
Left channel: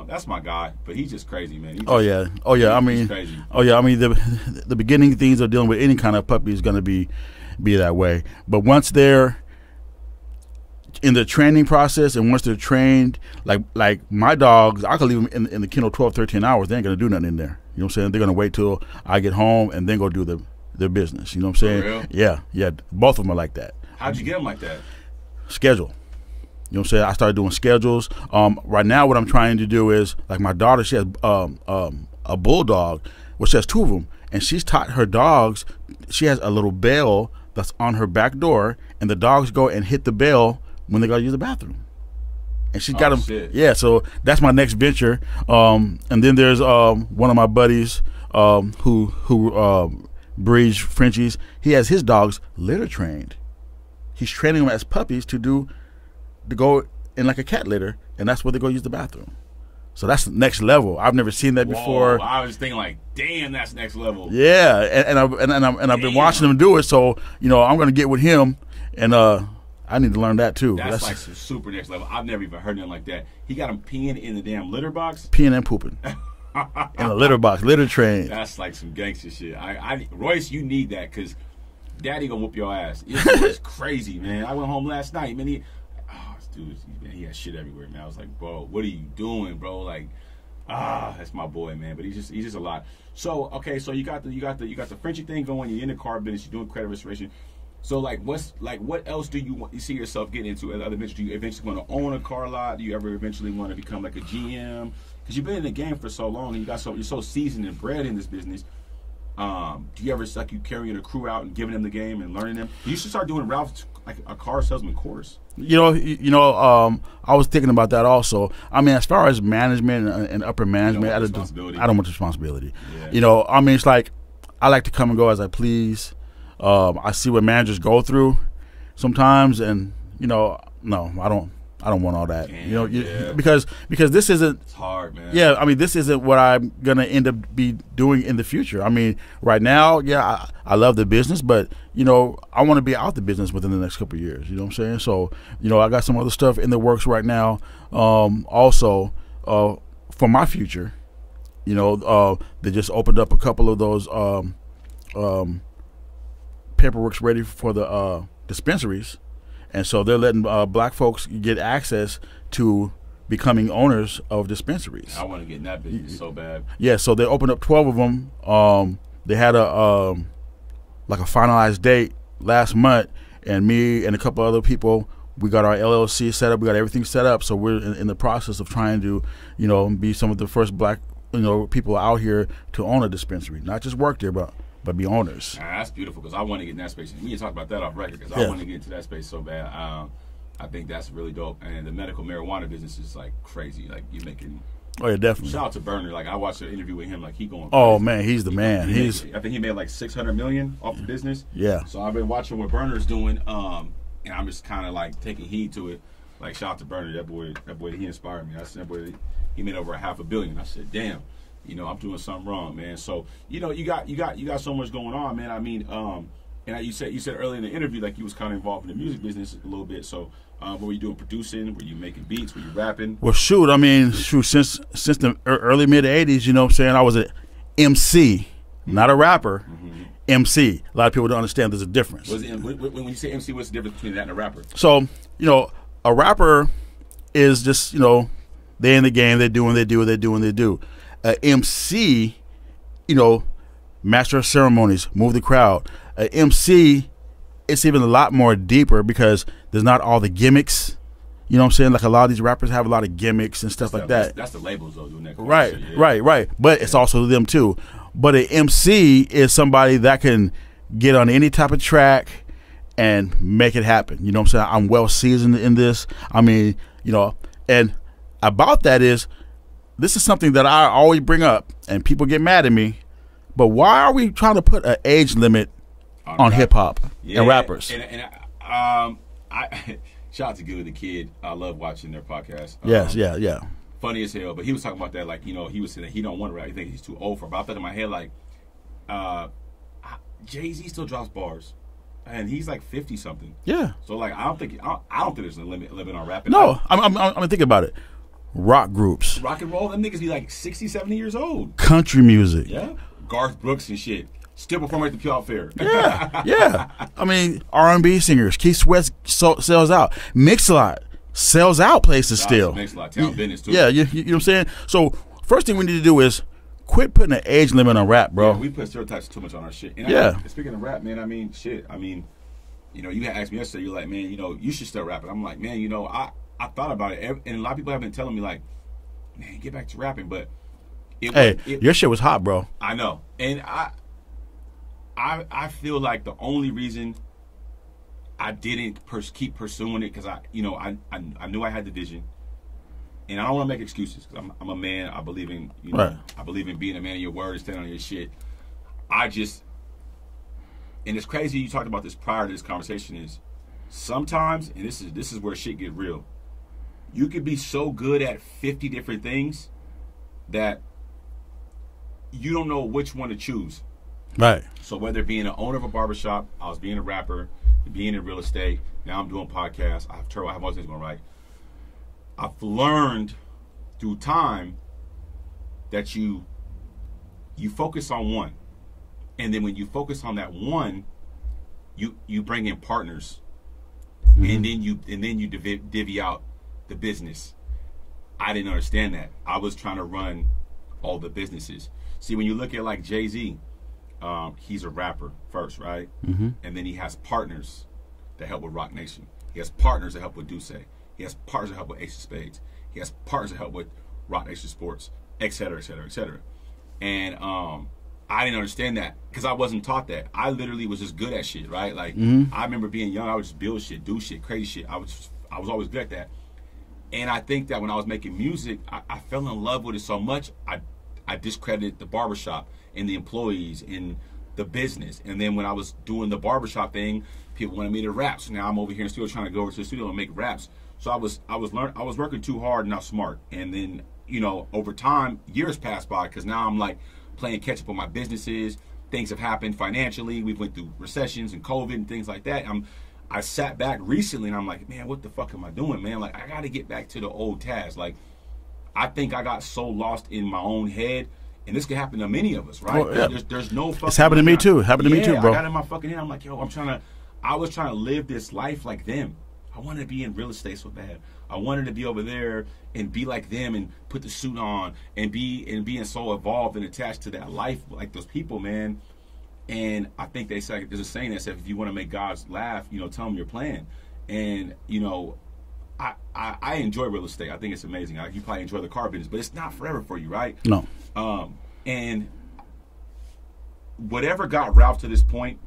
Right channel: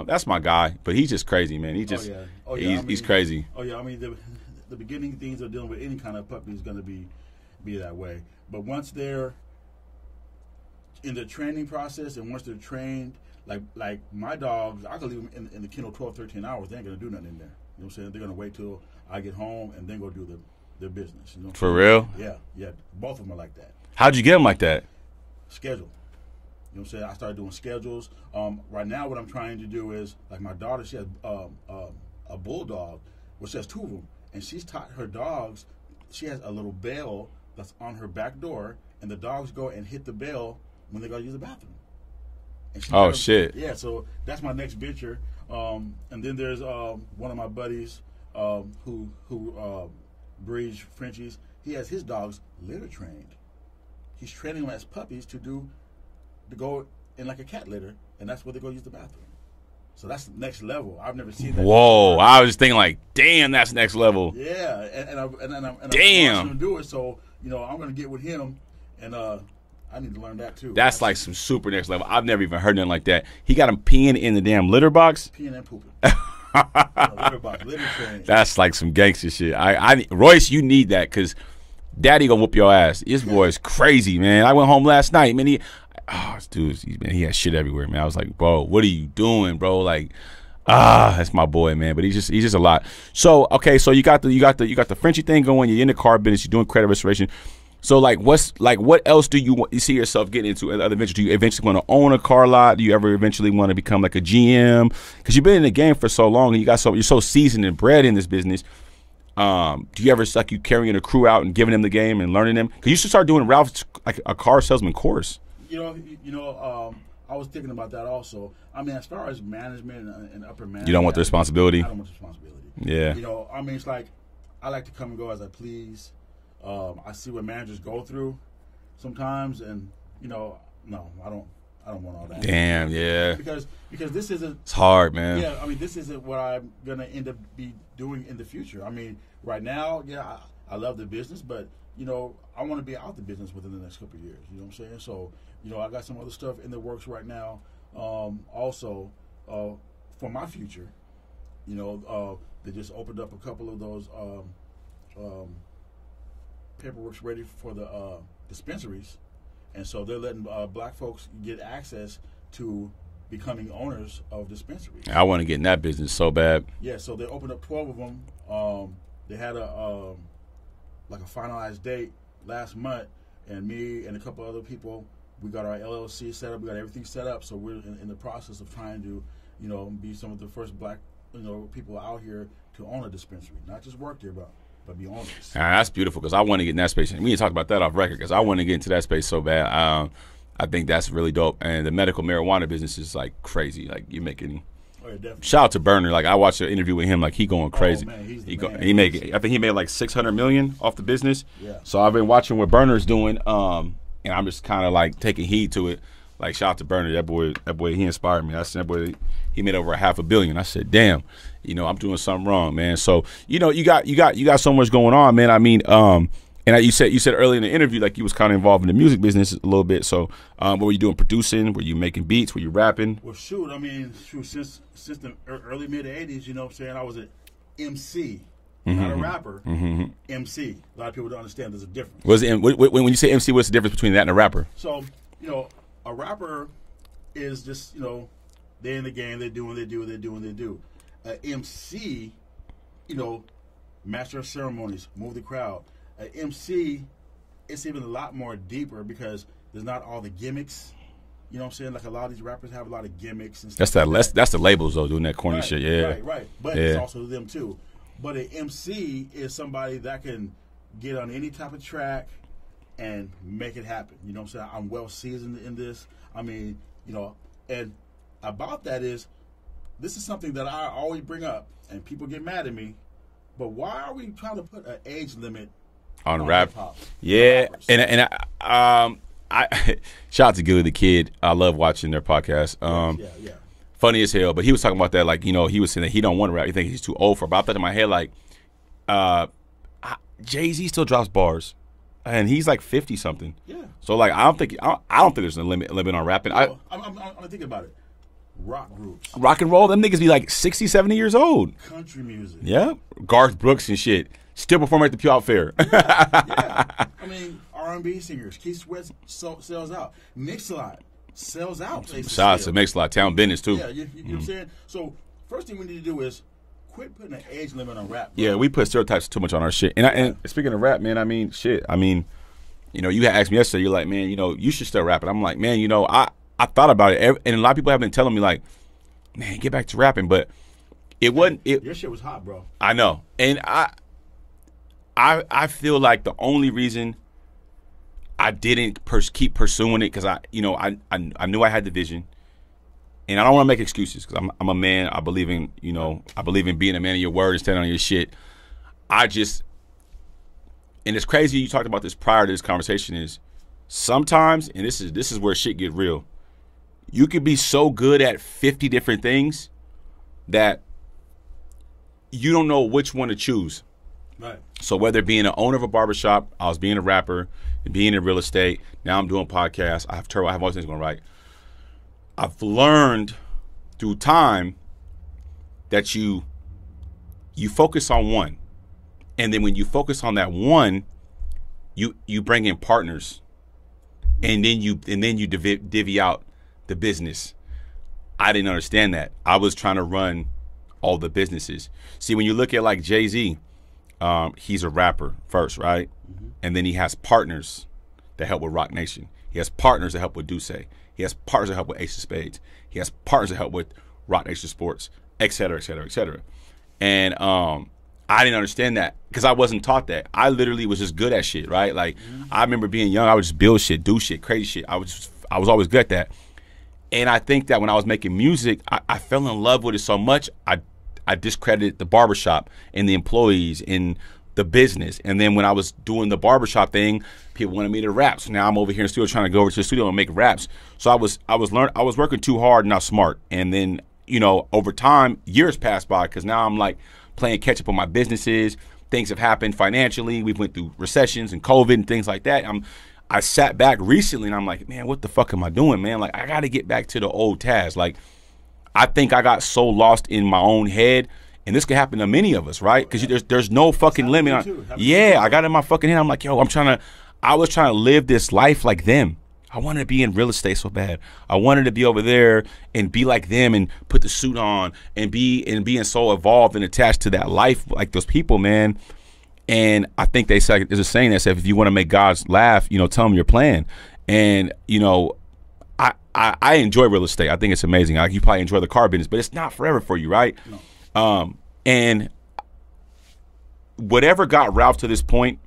that's my guy, but he's just crazy, man. He's crazy. Oh yeah, I mean the beginning things of dealing with any kind of puppy is going to be that way, but once they're in the training process and once they're trained, like my dogs, I could leave them in the kennel 12, 13 hours. They ain't going to do nothing in there. You know what I'm saying? They're going to wait till I get home and then go do their business. You know what I'm saying? For real? Yeah. Both of them are like that. How'd you get them like that? Schedule. You know what I'm saying? I started doing schedules. Right now what I'm trying to do is, like my daughter, she has a bulldog. Well, she has two of them. And she's taught her dogs, she has a little bell that's on her back door, and the dogs go and hit the bell when they go to use the bathroom. And she's got them. Shit. Yeah, so that's my next venture. And then there's one of my buddies who breeds Frenchies. He has his dogs litter trained. He's training them as puppies to go in like a cat litter, and that's where they go use the bathroom. So that's the next level. I've never seen that before. Whoa! I was just thinking like, damn, that's next level. Yeah, and I've been watching him do it. So I'm gonna get with him, and I need to learn that too. That's like some super next level. I've never even heard nothing like that. He got him peeing in the damn litter box. Peeing and pooping. In a litter box, litter train. That's like some gangster shit. Royce, you need that because Daddy gonna whoop your ass. This boy is crazy, man. I went home last night, man. He has shit everywhere, man. I was like, bro, what are you doing, bro? Like, that's my boy, man. But he's just a lot. So okay, so you got the Frenchie thing going. You're in the car business. You're doing credit restoration. So what else do you see yourself getting into in other ventures? Do you eventually want to own a car lot? Do you ever eventually want to become like a GM? Because you've been in the game for so long and you're so seasoned and bred in this business. Do you ever suck you carrying a crew out and giving them the game and learning them? Because you should start doing Ralph's like a car salesman course. I was thinking about that also. I mean, as far as management and upper management, you don't want the responsibility. I don't want the responsibility. Yeah. I mean, it's like I like to come and go as I please. I see what managers go through sometimes, and no, I don't want all that. Damn, yeah. Because this isn't. It's hard, man. Yeah, I mean, this isn't what I'm gonna end up be doing in the future. I mean, right now, yeah, I love the business, but I want to be out the business within the next couple of years. You know what I'm saying? So, I got some other stuff in the works right now. Also, for my future, they just opened up a couple of those paperwork's ready for the dispensaries, and so they're letting black folks get access to becoming owners of dispensaries. I want to get in that business so bad. Yeah, so they opened up 12 of them. They had a finalized date last month, and me and a couple other people, we got our LLC set up. We got everything set up, so we're in the process of trying to, be some of the first black, people out here to own a dispensary, not just work there, but be owners. That's beautiful because I want to get in that space. And we can talk about that off record because I want to get into that space so bad. I think that's really dope. And the medical marijuana business is like crazy. Like you're making. Oh yeah, definitely. Shout out to Berner. Like I watched an interview with him. Like he going crazy. Oh man, he's the man. I think he made like $600 million off the business. Yeah. So I've been watching what Berner's doing, and I'm just kind of like taking heed to it. Like shout out to Berner. That boy, he inspired me. I said that boy, he made over $500 million. I said, damn. I'm doing something wrong, man. So, you got so much going on, man. I mean, and you said earlier in the interview, like you was kind of involved in the music business a little bit. So, what were you doing? Producing? Were you making beats? Were you rapping? Well, since the early mid '80s, you know what I'm saying, I was an MC, not a rapper. MC. A lot of people don't understand there's a difference. When you say MC, what's the difference between that and a rapper? So, a rapper is just they're in the game, they do what they do. MC, master of ceremonies, move the crowd. MC, it's even a lot more deeper because there's not all the gimmicks. You know what I'm saying? Like a lot of these rappers have a lot of gimmicks and stuff like that. That's the labels though, doing that corny shit. Yeah. Right. But it's also them too. But an MC is somebody that can get on any type of track and make it happen. You know what I'm saying? I'm well seasoned in this. I mean, and about that is, this is something that I always bring up, and people get mad at me. But why are we trying to put an age limit on hip hop and rappers? And shout out to Gilly the Kid. I love watching their podcast. Yeah. Funny as hell. But he was talking about that, like, you know, he was saying that he don't want to rap. He thinks he's too old for it. But I thought in my head, like, Jay-Z still drops bars. And he's like 50 something. Yeah. So like I don't think there's a limit on rapping. No, I'm thinking about it. Rock groups, rock and roll, them niggas be like 60, 70 years old. Country music. Yeah. Garth Brooks and shit. Still performing at the Pure Fair. Yeah. I mean, R&B singers. Keith Sweat sells out. Mix-a-Lot sells out places still. Mix-a-Lot, Town Business too. Yeah, you know what I'm saying? So first thing we need to do is quit putting an age limit on rap, bro. Yeah, we put stereotypes too much on our shit. And speaking of rap, man, I mean, shit. I mean, you know, you had asked me yesterday, you're like, man, you know, you should start rapping. I'm like, man, you know, I thought about it. And a lot of people have been telling me, like, man, get back to rapping. But your shit was hot, bro. I know. And I feel like the only reason I didn't keep pursuing it because I knew I had the vision. And I don't want to make excuses because I'm a man. I believe in, you know, right. I believe in being a man of your word and standing on your shit. And it's crazy you talked about this prior to this conversation is sometimes, and this is where shit get real, you could be so good at 50 different things that you don't know which one to choose. Right. So whether being an owner of a barbershop, I was being a rapper, being in real estate, now I'm doing podcasts, I have all these things going right. I've learned through time that you focus on one. And then when you focus on that one, you bring in partners. Mm-hmm. and then you divvy out the business. I didn't understand that. I was trying to run all the businesses. See, when you look at like Jay-Z, he's a rapper first, right? Mm-hmm. And then he has partners that help with Rock Nation. He has partners that help with Duce. He has partners that help with Ace of Spades. He has partners that help with Rock Nation Sports, et cetera, et cetera, et cetera. And I didn't understand that because I wasn't taught that. I literally was just good at shit, right? Like, I remember being young, I would just build shit, do shit, crazy shit. I was always good at that. And I think that when I was making music, I fell in love with it so much, I discredited the barbershop and the employees and the business. And then when I was doing the barbershop thing, people wanted me to rap. So now I'm over here in the studio trying to go over to the studio and make raps. So I was working too hard and not smart. And then, you know, over time, years passed by because now I'm like playing catch up on my businesses. Things have happened financially. We went through recessions and COVID and things like that. I sat back recently and I'm like, man, what the fuck am I doing, man? Like, I got to get back to the old Taz. Like, I think I got so lost in my own head, and this could happen to many of us, right? Because there's no fucking limit. Happened to me too. Happened to me too, bro. I got in my fucking head. I'm like, yo, I was trying to live this life like them. I wanted to be in real estate so bad. I wanted to be over there and be like them and put the suit on and being so evolved and attached to that life like those people, man. And I think there's a saying that says, if you want to make God laugh, you know, tell him your plan. And, you know, I enjoy real estate. I think it's amazing. You probably enjoy the car business, but it's not forever for you, right? No. And whatever got Ralph to this point,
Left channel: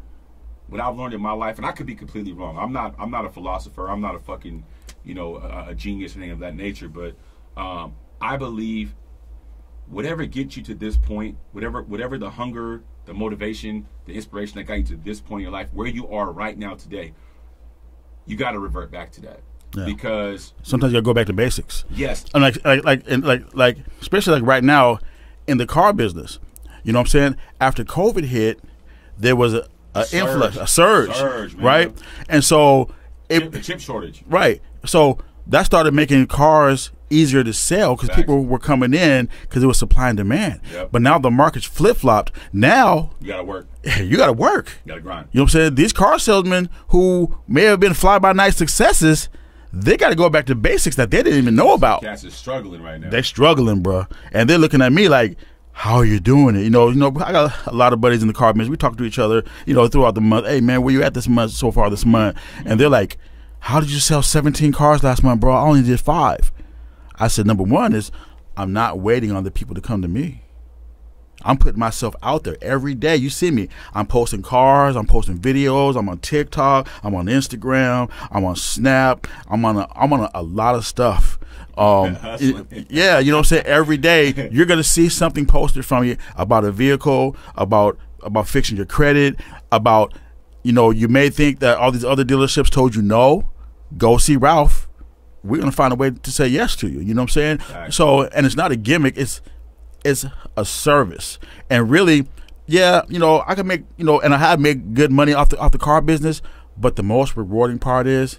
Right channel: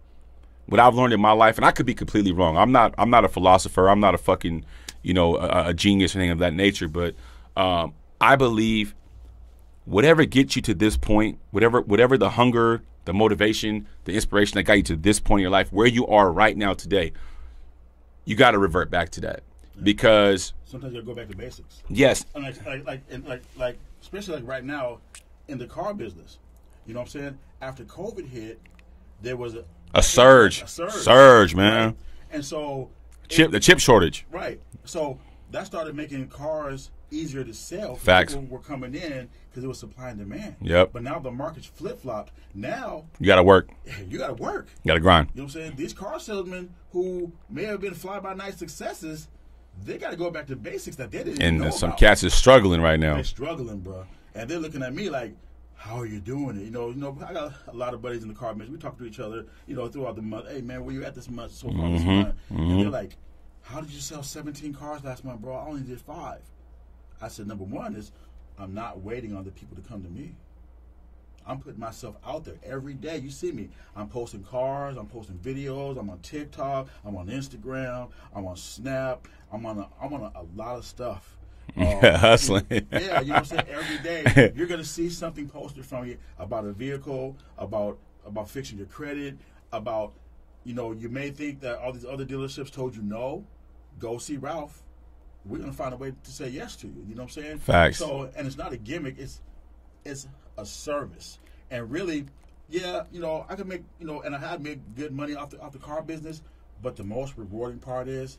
what I've learned in my life, and I could be completely wrong. I'm not a philosopher. I'm not a fucking, you know, a genius or anything of that nature. But I believe whatever gets you to this point, whatever the hunger, the motivation, the inspiration that got you to this point in your life, where you are right now today, you got to revert back to that. Yeah. Because sometimes you gotta go back to basics. Yes. And like especially like right now in the car business. You know what I'm saying? After COVID hit, there was a surge. A surge, man. Right? And so the chip shortage. Right. So that started making cars easier to sell because people were coming in because it was supply and demand. Yep. But now the market's flip-flopped. Now you got to work. You got to work. You got to grind. You know what I'm saying? These car salesmen who may have been fly-by-night successes, they got to go back to basics that they didn't even know about. Cats is struggling right now. They're struggling, bro. And they're looking at me like, how are you doing it? You know, I got a lot of buddies in the car business. We talk to each other, you know, throughout the month. Hey, man, where you at this month so far this month? And they're like, how did you sell 17 cars last month, bro? I only did 5. I said, number one is I'm not waiting on the people to come to me. I'm putting myself out there every day. You see me. I'm posting cars. I'm posting videos. I'm on TikTok. I'm on Instagram. I'm on Snap. I'm on a lot of stuff. Hustling. Yeah, you know what I'm saying? Every day you're going to see something posted from you about a vehicle, about fixing your credit, about, you know, you may think that all these other dealerships told you no, go see Ralph. We're going to find a way to say yes to you. You know what I'm saying? Facts. So, and it's not a gimmick. It's a service. And really, yeah, you know, I can make, you know, and I have made good money off the car business, but the most rewarding part is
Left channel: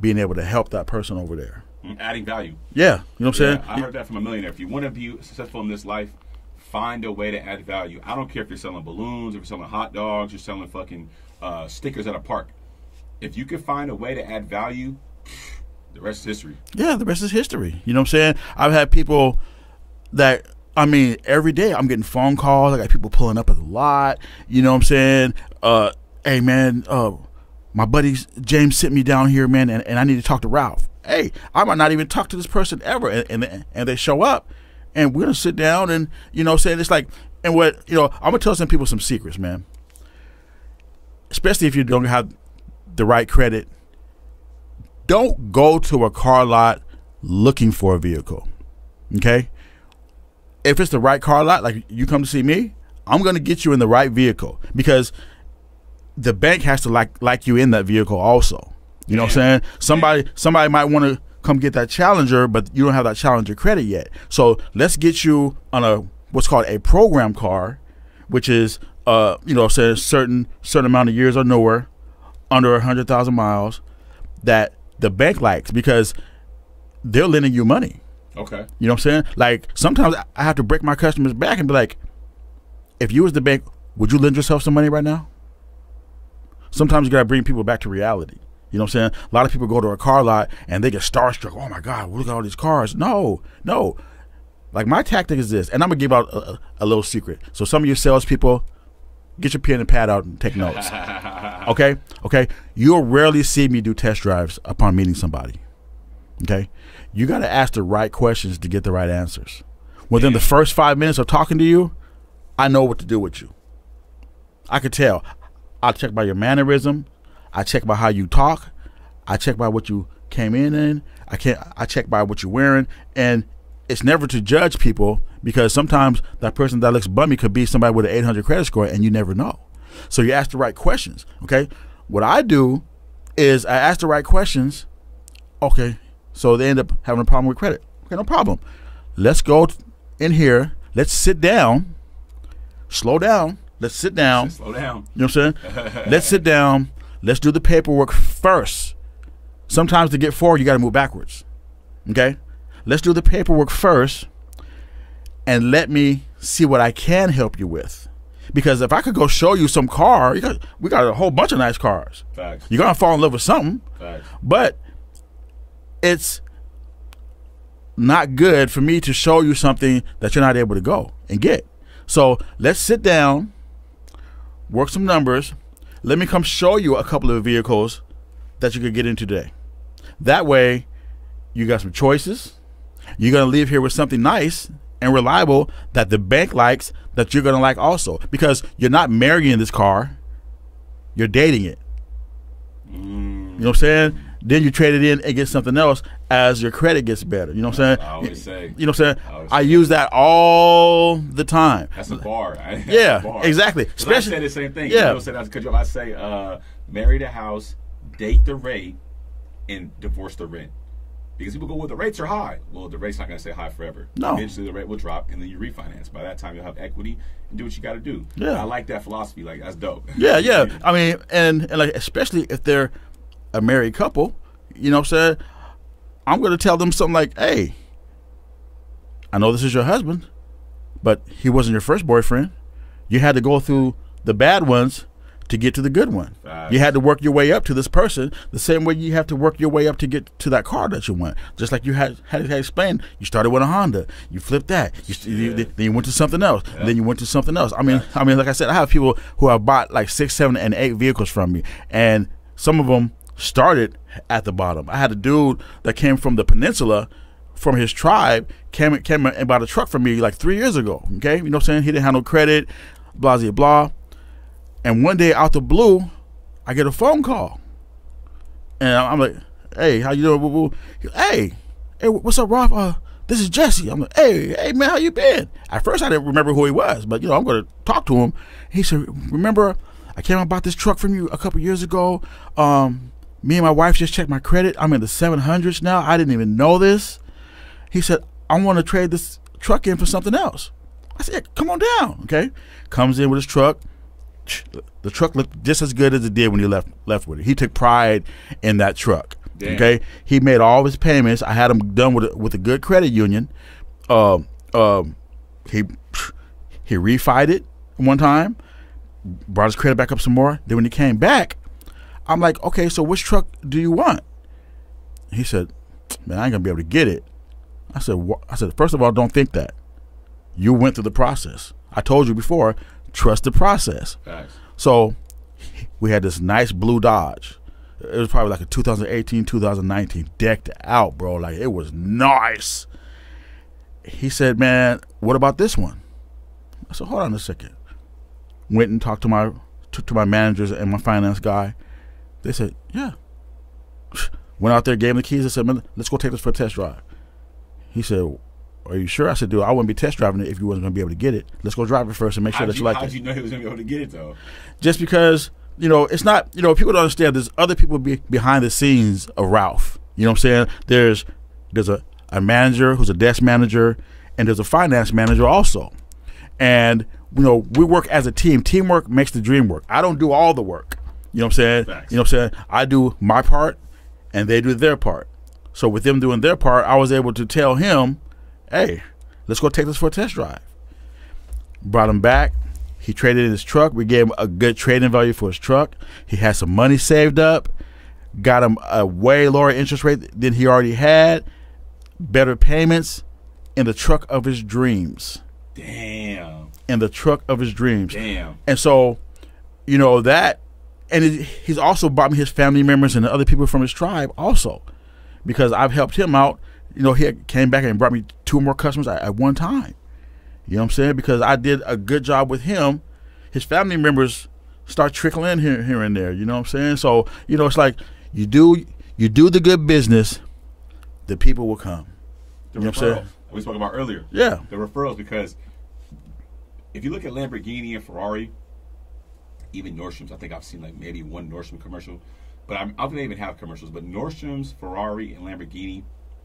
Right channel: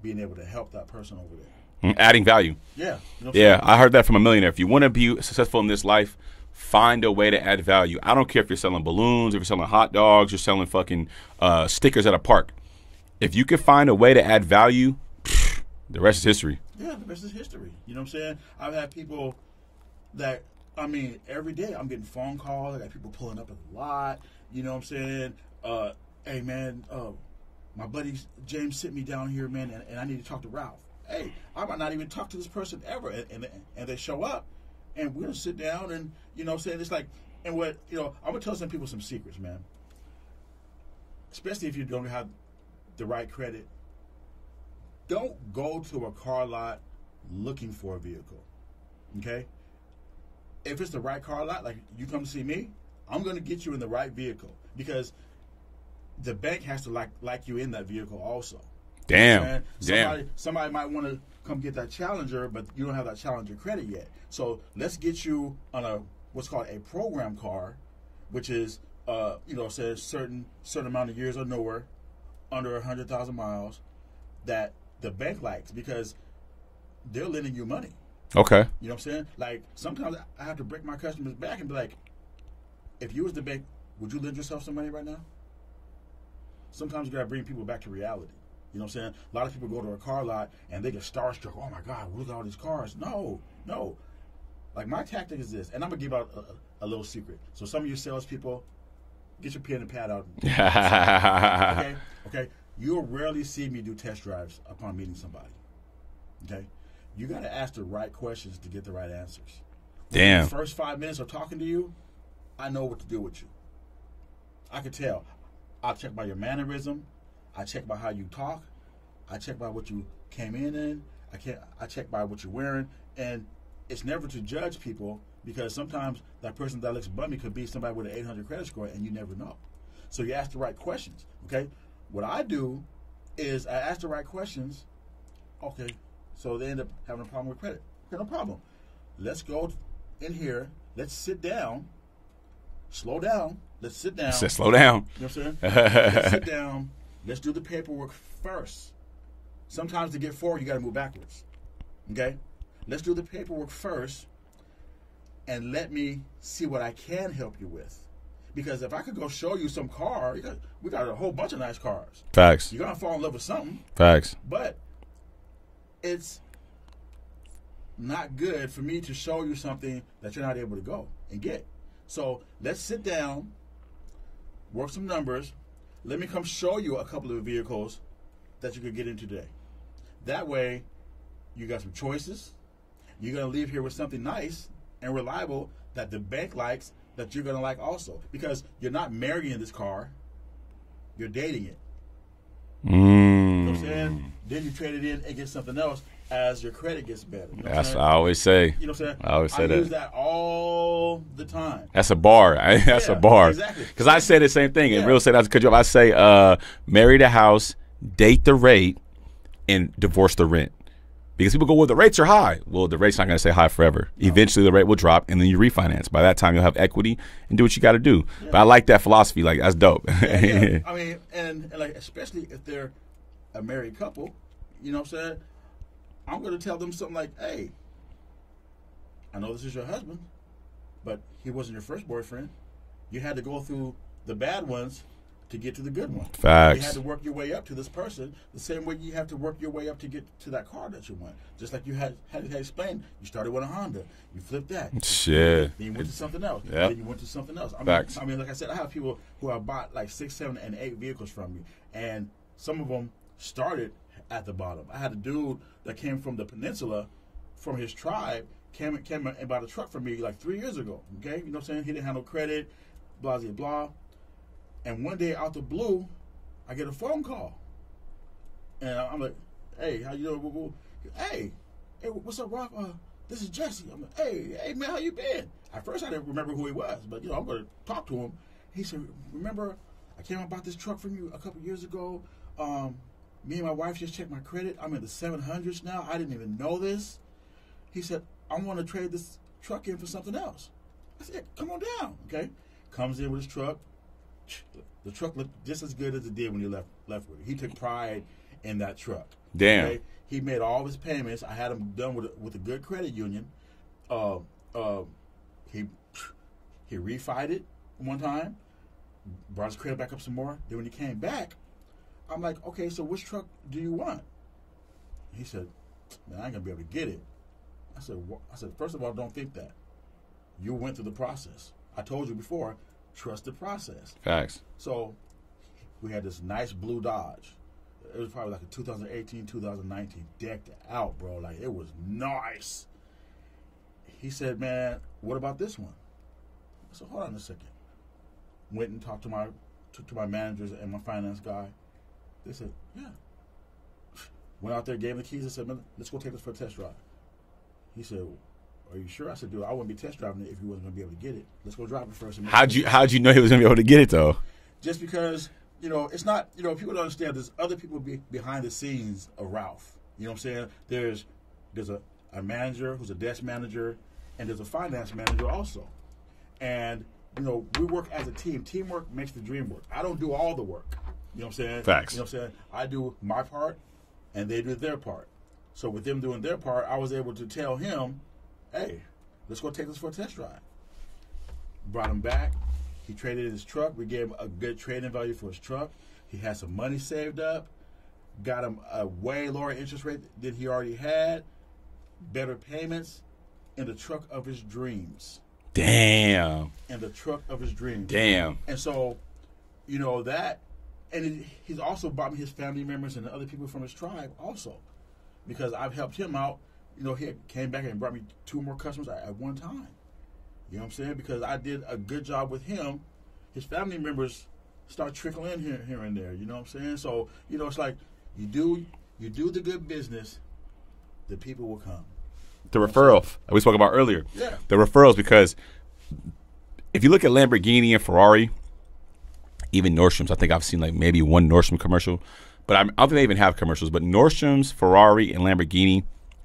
being able to help that person over there. Adding value. Yeah. You know what I'm saying? Yeah, I heard that from a millionaire. If you want to be successful in this life, find a way to add value. I don't care if you're selling balloons, if you're selling hot dogs, you're selling fucking stickers at a park. If you can find a way to add value, the rest is history. Yeah, the rest is history. You know what I'm saying? I've had people that, I mean, every day I'm getting phone calls. I got people pulling up at the lot. You know what I'm saying? Hey, man, my buddy James sent me down here, man, and I need to talk to Ralph. Hey, I might not even talk to this person ever. And they show up, and we're going to sit down and, you know what I'm saying? It's like, and what, you know, I'm going to tell some people some secrets, man. Especially if you don't have the right credit. Don't go to a car lot looking for a vehicle, okay? If it's the right car lot, like you come to see me, I'm going to get you in the right vehicle because the bank has to like you in that vehicle also. You know what I'm saying? Somebody might want to come get that Challenger, but you don't have that Challenger credit yet. So let's get you on what's called a program car, which is you know, say a certain amount of years or newer, under 100,000 miles, that the bank likes because they're lending you money. Okay. You know what I'm saying? Like, sometimes I have to break my customers back and be like, if you was the bank, would you lend yourself some money right now? Sometimes you got to bring people back to reality. You know what I'm saying? A lot of people go to a car lot and they get starstruck. Oh, my God, look at all these cars. No. Like, my tactic is this, and I'm going to give out a little secret. So some of you salespeople, get your pen and pad out and take notes. Okay? You'll rarely see me do test drives upon meeting somebody. Okay? You got to ask the right questions to get the right answers. Within the first 5 minutes of talking to you, I know what to do with you. I could tell. I'll check by your mannerism. I check by how you talk. I check by what you came in. I check by what you're wearing. And it's never to judge people because sometimes that person that looks bummy could be somebody with an 800 credit score and you never know. So you ask the right questions, okay? What I do is I ask the right questions, okay, so they end up having a problem with credit. Okay, no problem. Let's go in here. Let's sit down. Slow down. Let's sit down. Slow down. You know what I'm saying? Let's sit down. Let's do the paperwork first. Sometimes to get forward, you got to move backwards, okay? Let's do the paperwork first and let me see what I can help you with. Because if I could go show you some car, we got a whole bunch of nice cars. Facts. You're going to fall in love with something. Facts. But it's not good for me to show you something that you're not able to go and get. So let's sit down, work some numbers. Let me come show you a couple of vehicles that you could get into today. That way, you got some choices. You're going to leave here with something nice and reliable that the bank likes, that you're going to like also. Because you're not marrying this car. You're dating it. You know what I'm saying? Then you trade it in and get something else as your credit gets better. You know what I'm saying? I always say. You know what I'm saying? I use that all the time. That's a bar. That's a bar. Exactly. Because I say the same thing. Yeah. Real estate, that's a good job. I say marry the house, date the rate, and divorce the rent. Because people go, well, the rates are high. Well, the rate's not going to stay high forever. No. Eventually, the rate will drop, and then you refinance. By that time, you'll have equity and do what you got to do. Yeah. I like that philosophy. Like, that's dope. Yeah. I mean, and like, especially if they're a married couple, you know what I'm saying? I'm going to tell them something like, hey, I know this is your husband, but he wasn't your first boyfriend. You had to go through the bad ones to get to the good one. Facts. You had to work your way up to this person the same way you have to work your way up to get to that car that you want. Just like you had explained, you started with a Honda, you flipped that, then you went to something else, then you went to something else. I mean, like I said, I have people who have bought like 6, 7, and 8 vehicles from me, and some of them started at the bottom. I had a dude that came from the peninsula, from his tribe, came and bought a truck from me like 3 years ago. Okay, you know what I'm saying? He didn't have no credit, blah blah blah. And one day out the blue, I get a phone call. And I'm like, hey, how you doing? Hey, what's up, Ralph? This is Jesse. I'm like, hey, man, how you been? At first, I didn't remember who he was, but, I'm going to talk to him. He said, remember, I came and bought this truck from you a couple years ago. me and my wife just checked my credit. I'm in the 700s now. I didn't even know this. He said, I want to trade this truck in for something else. I said, come on down, okay? Comes in with his truck. The truck looked just as good as it did when he left with it. He took pride in that truck. Damn. Okay, he made all of his payments. I had him done with a good credit union. He refied it one time, brought his credit back up some more. Then when he came back, I'm like, okay, so which truck do you want? He said, man, I ain't gonna be able to get it. I said, first of all, don't think that. You went through the process. I told you before, trust the process. Facts. So we had this nice blue Dodge. It was probably like a 2018, 2019, decked out, bro. Like, it was nice. He said, man, what about this one? I said, hold on a second. Went and talked to my managers and my finance guy. They said, yeah. Went out there, gave him the keys. I said, man, let's go take this for a test drive. He said, are you sure? I said, dude, I wouldn't be test driving it if you wasn't going to be able to get it. Let's go drive it first and make sure that you like it. How'd you know he was going to be able to get it, though? Just because, it's not, people don't understand there's other people behind the scenes of Ralph. You know what I'm saying? There's a manager who's a desk manager, and there's a finance manager also. And, we work as a team. Teamwork makes the dream work. I don't do all the work. You know what I'm saying? Facts. You know what I'm saying? I do my part, and they do their part. So with them doing their part, I was able to tell him, hey, let's go take this for a test drive. Brought him back. He traded in his truck. We gave him a good trading value for his truck. He had some money saved up. Got him a way lower interest rate than he already had. Better payments in the truck of his dreams. Damn. In the truck of his dreams. Damn. And so, that, and he's also brought me his family members and the other people from his tribe also, because I've helped him out. He came back and brought me 2 more customers at one time. You know what I'm saying? Because I did a good job with him. His family members start trickling in here and there. You know what I'm saying? So, it's like you do the good business, the people will come. The referral that we spoke about earlier. Yeah. The referrals, because if you look at Lamborghini and Ferrari, even Nordstrom's, I think I've seen like maybe one Nordstrom commercial, but I don't think they even have commercials. But Nordstrom's, Ferrari, and Lamborghini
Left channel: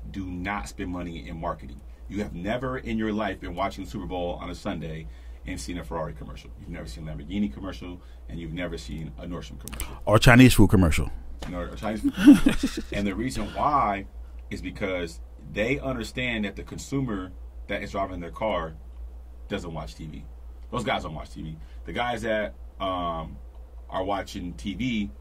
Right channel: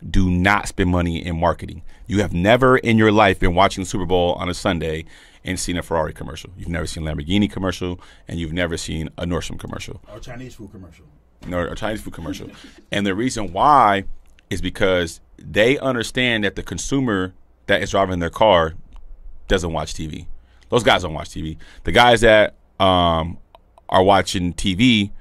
do not spend money in marketing. You have never in your life been watching the Super Bowl on a Sunday and seen a Ferrari commercial. You've never seen a Lamborghini commercial, and you've never seen a Nordstrom commercial. Or Chinese food commercial. No, or Chinese food commercial. And the reason why is because they understand that the consumer that is driving their car doesn't watch TV. Those guys don't watch TV. The guys that are watching TV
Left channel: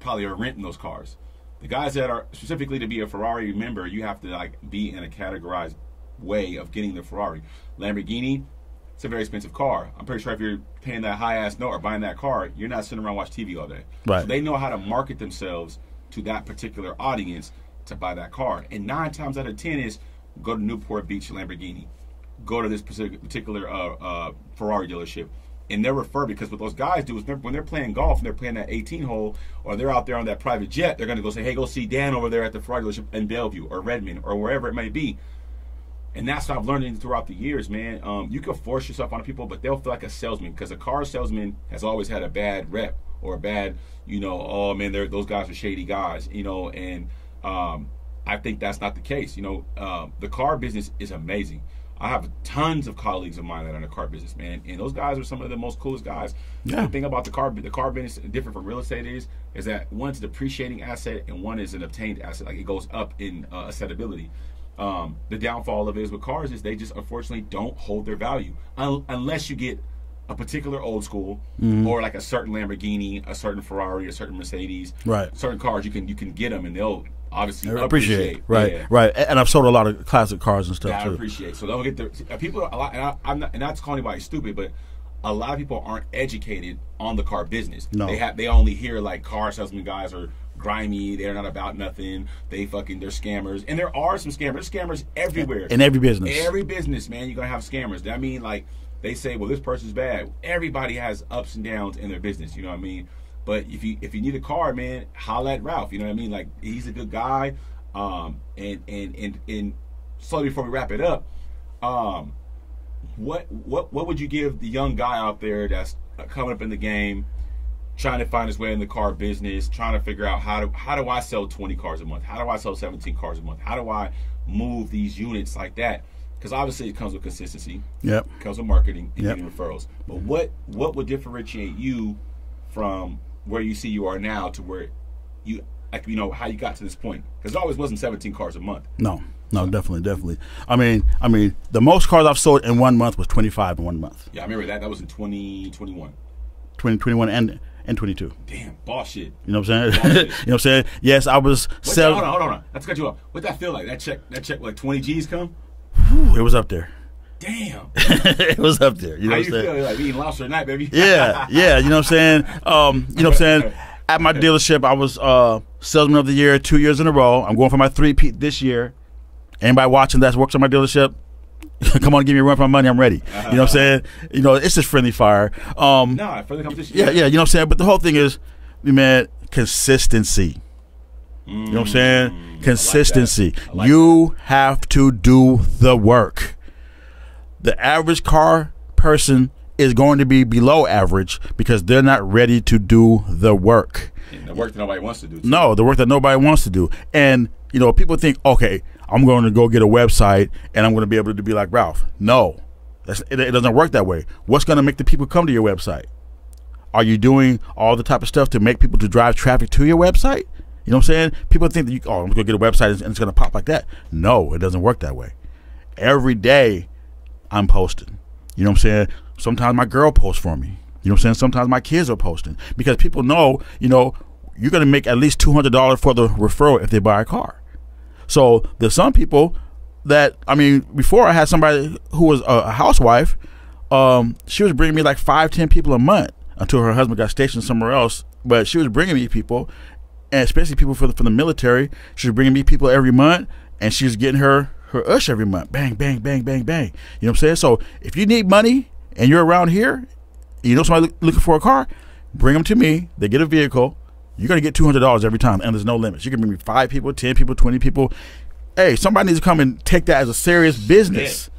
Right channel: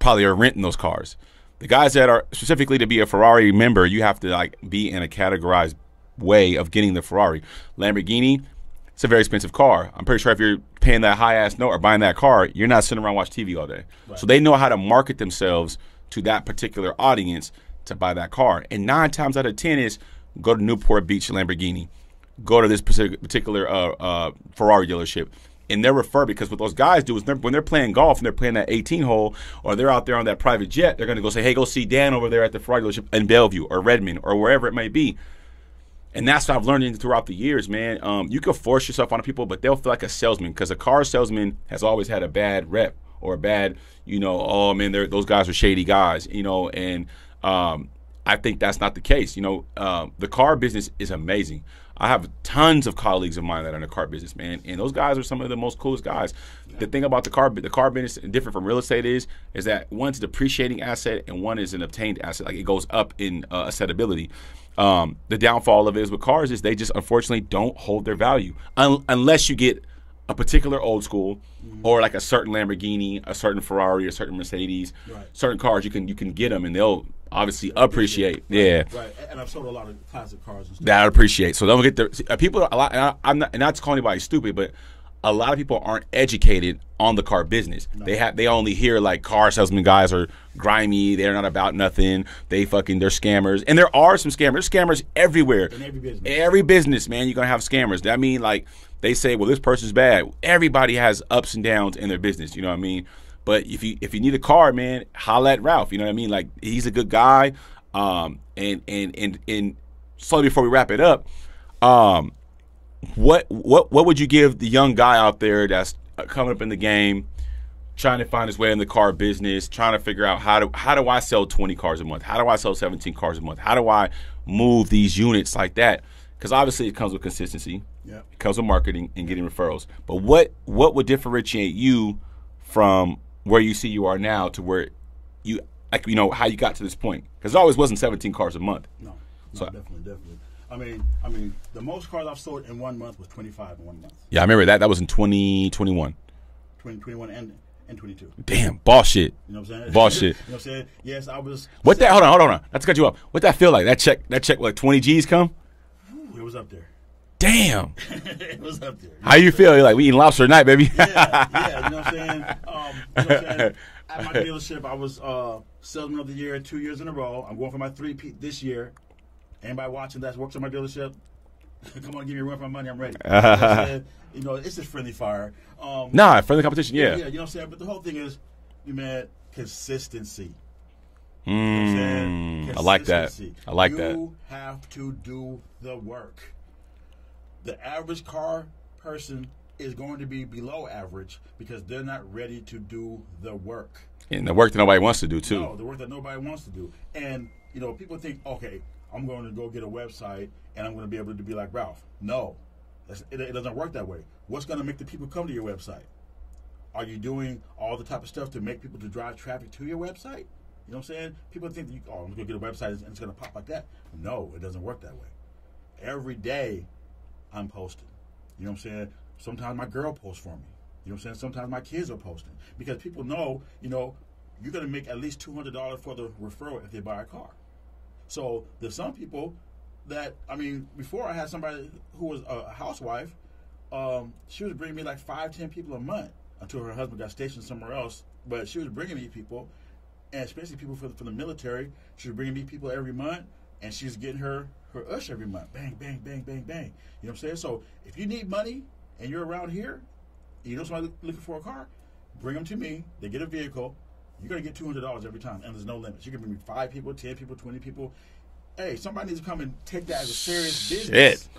probably are renting those cars. The guys that are specifically to be a Ferrari member, you have to be in a categorized way of getting the Ferrari. Lamborghini, it's a very expensive car. I'm pretty sure if you're paying that high-ass note or buying that car, you're not sitting around watching TV all day. Right. So they know how to market themselves to that particular audience to buy that car. And 9 times out of 10 is go to Newport Beach Lamborghini. Go to this particular Ferrari dealership. And they're referred, because what those guys do is when they're playing golf and they're playing that 18 hole, or they're out there on that private jet, they're going to go say, hey, go see Dan over there at the Ferrari dealership in Bellevue or Redmond or wherever it may be. And that's what I've learned throughout the years, man. You can force yourself on people, but they'll feel like a salesman, because a car salesman has always had a bad rep or a bad, oh, man, those guys are shady guys, and I think that's not the case. The car business is amazing. I have tons of colleagues of mine that are in the car business, man, and those guys are some of the most coolest guys. Yeah. The thing about the car business, different from real estate, is that one's a depreciating asset and one is an obtained asset. Like, it goes up in assetability. The downfall of it is with cars is they just unfortunately don't hold their value unless you get a particular old school, or like a certain Lamborghini, a certain Ferrari, a certain Mercedes. Right. Certain cars you can get them and they'll obviously appreciate. Right. Yeah. Right. And I've sold a lot of classic cars and stuff. That I appreciate. So don't get people a lot. I'm not to call anybody stupid, but a lot of people aren't educated on the car business. No. They only hear like car salesman guys are grimy, they're not about nothing, they're scammers. And there are some scammers. There's scammers everywhere. In every business. Every business, man, you're gonna have scammers. That mean, like, they say, well, this person's bad. Everybody has ups and downs in their business, you know what I mean? But if you need a car, man, holla at Ralph, you know what I mean? Like, he's a good guy. And slowly before we wrap it up, what would you give the young guy out there that's coming up in the game, trying to find his way in the car business, trying to figure out how do I sell 20 cars a month? How do I sell 17 cars a month? How do I move these units like that? Because obviously it comes with consistency. Yep. It comes with marketing and getting referrals. But what would differentiate you from where you see you are now to where you, like, you know, how you got to this point? Because it always wasn't 17 cars a month. No, definitely. I mean, the most cars I've sold in 1 month was 25 in 1 month. Yeah, I remember that. That was in 2021. 2021 and 22. Damn, boss shit. You know what I'm saying? Boss shit. You know what I'm saying? Yes, I was. Hold on. Let's cut you off. What that feel like? That check, like 20 G's come? Whew, it was up there. Damn. It was up there. You know how you feel? You're like, we eating lobster tonight, baby. Yeah. You know what I'm saying? You know what I'm saying? At my dealership, I was Salesman of the Year 2 years in a row. I'm going for my 3-peat this year. Anybody watching that works on my dealership, come on, give me a run for my money. I'm ready. You know what I'm saying? You know, it's just friendly fire. Friendly competition. Yeah. You know what I'm saying? But the whole thing is, man, consistency. You know what I'm saying? Consistency. I like you have to do the work. The average car person is going to be below average because they're not ready to do the work. And the work that nobody wants to do, too. No, the work that nobody wants to do. And, you know, people think, okay, I'm going to go get a website and I'm going to be able to be like Ralph. No, it doesn't work that way. What's going to make the people come to your website? Are you doing all the type of stuff to make people to drive traffic to your website? You know what I'm saying? People think that I'm going to get a website and it's going to pop like that. No, it doesn't work that way. Every day I'm posting. You know what I'm saying? Sometimes my girl posts for me. You know what I'm saying? Sometimes my kids are posting because people know, you know, you're going to make at least $200 for the referral if they buy a car. So there's some people that, I mean, before I had somebody who was a housewife, she was bringing me like 5-10 people a month until her husband got stationed somewhere else. But she was bringing me people, and especially people from the military. She was bringing me people every month, and she was getting her ush every month. Bang, bang, bang, bang, bang. You know what I'm saying? So if you need money and you're around here, you know somebody looking for a car, bring them to me. They get a vehicle. You're going to get $200 every time, and there's no limits. You can bring me 5 people, 10 people, 20 people. Hey, somebody needs to come and take that as a serious business. Shit.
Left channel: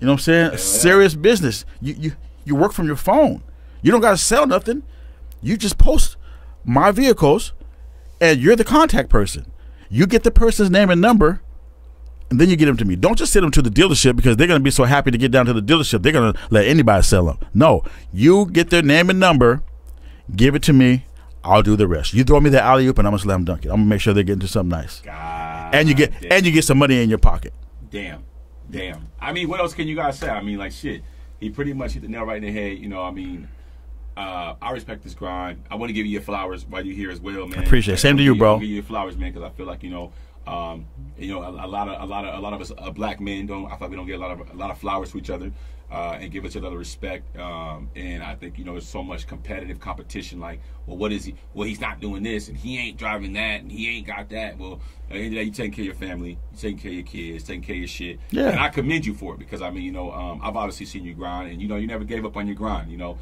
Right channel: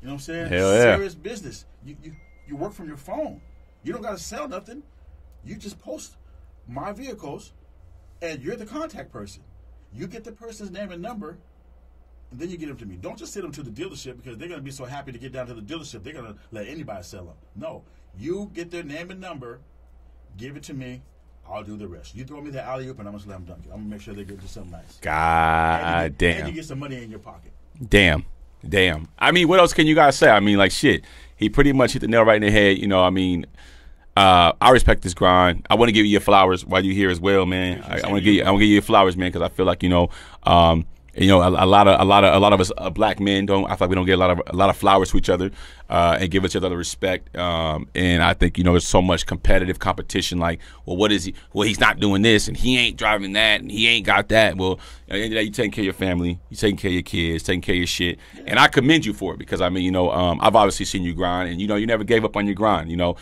You know what I'm saying? Yeah. Serious business. You work from your phone. You don't got to sell nothing. You just post my vehicles, and you're the contact person. You get the person's name and number, and then you get them to me. Don't just send them to the dealership because they're going to be so happy to get down to the dealership. They're going to let anybody sell them. No, you get their name and number, give it to me. I'll do the rest. You throw me the alley-oop and I'm gonna slam dunk it. I'm gonna make sure they get into something nice. And you get some money in your pocket. Damn. I mean, what else can you guys say? I mean, like, shit. He pretty much hit the nail right in the head. You know, I mean, I respect this grind. I want to give you your flowers while you're here as well, man. Appreciate it. Same to you, bro. I want to give you your flowers, man, because I feel like, you know, a lot of us black men don't. I feel like we don't get a lot of flowers to each other and give each other respect. And I think, you know, there's so much competitive competition. Like, well, what is he? Well, he's not doing this, and he ain't driving that, and he ain't got that. Well, at the end of the day, you taking care of your family, you taking care of your kids, taking care of your shit. Yeah. And I commend you for it because I mean, you know, I've obviously seen you grind, and you know, you never gave up on your grind. You know,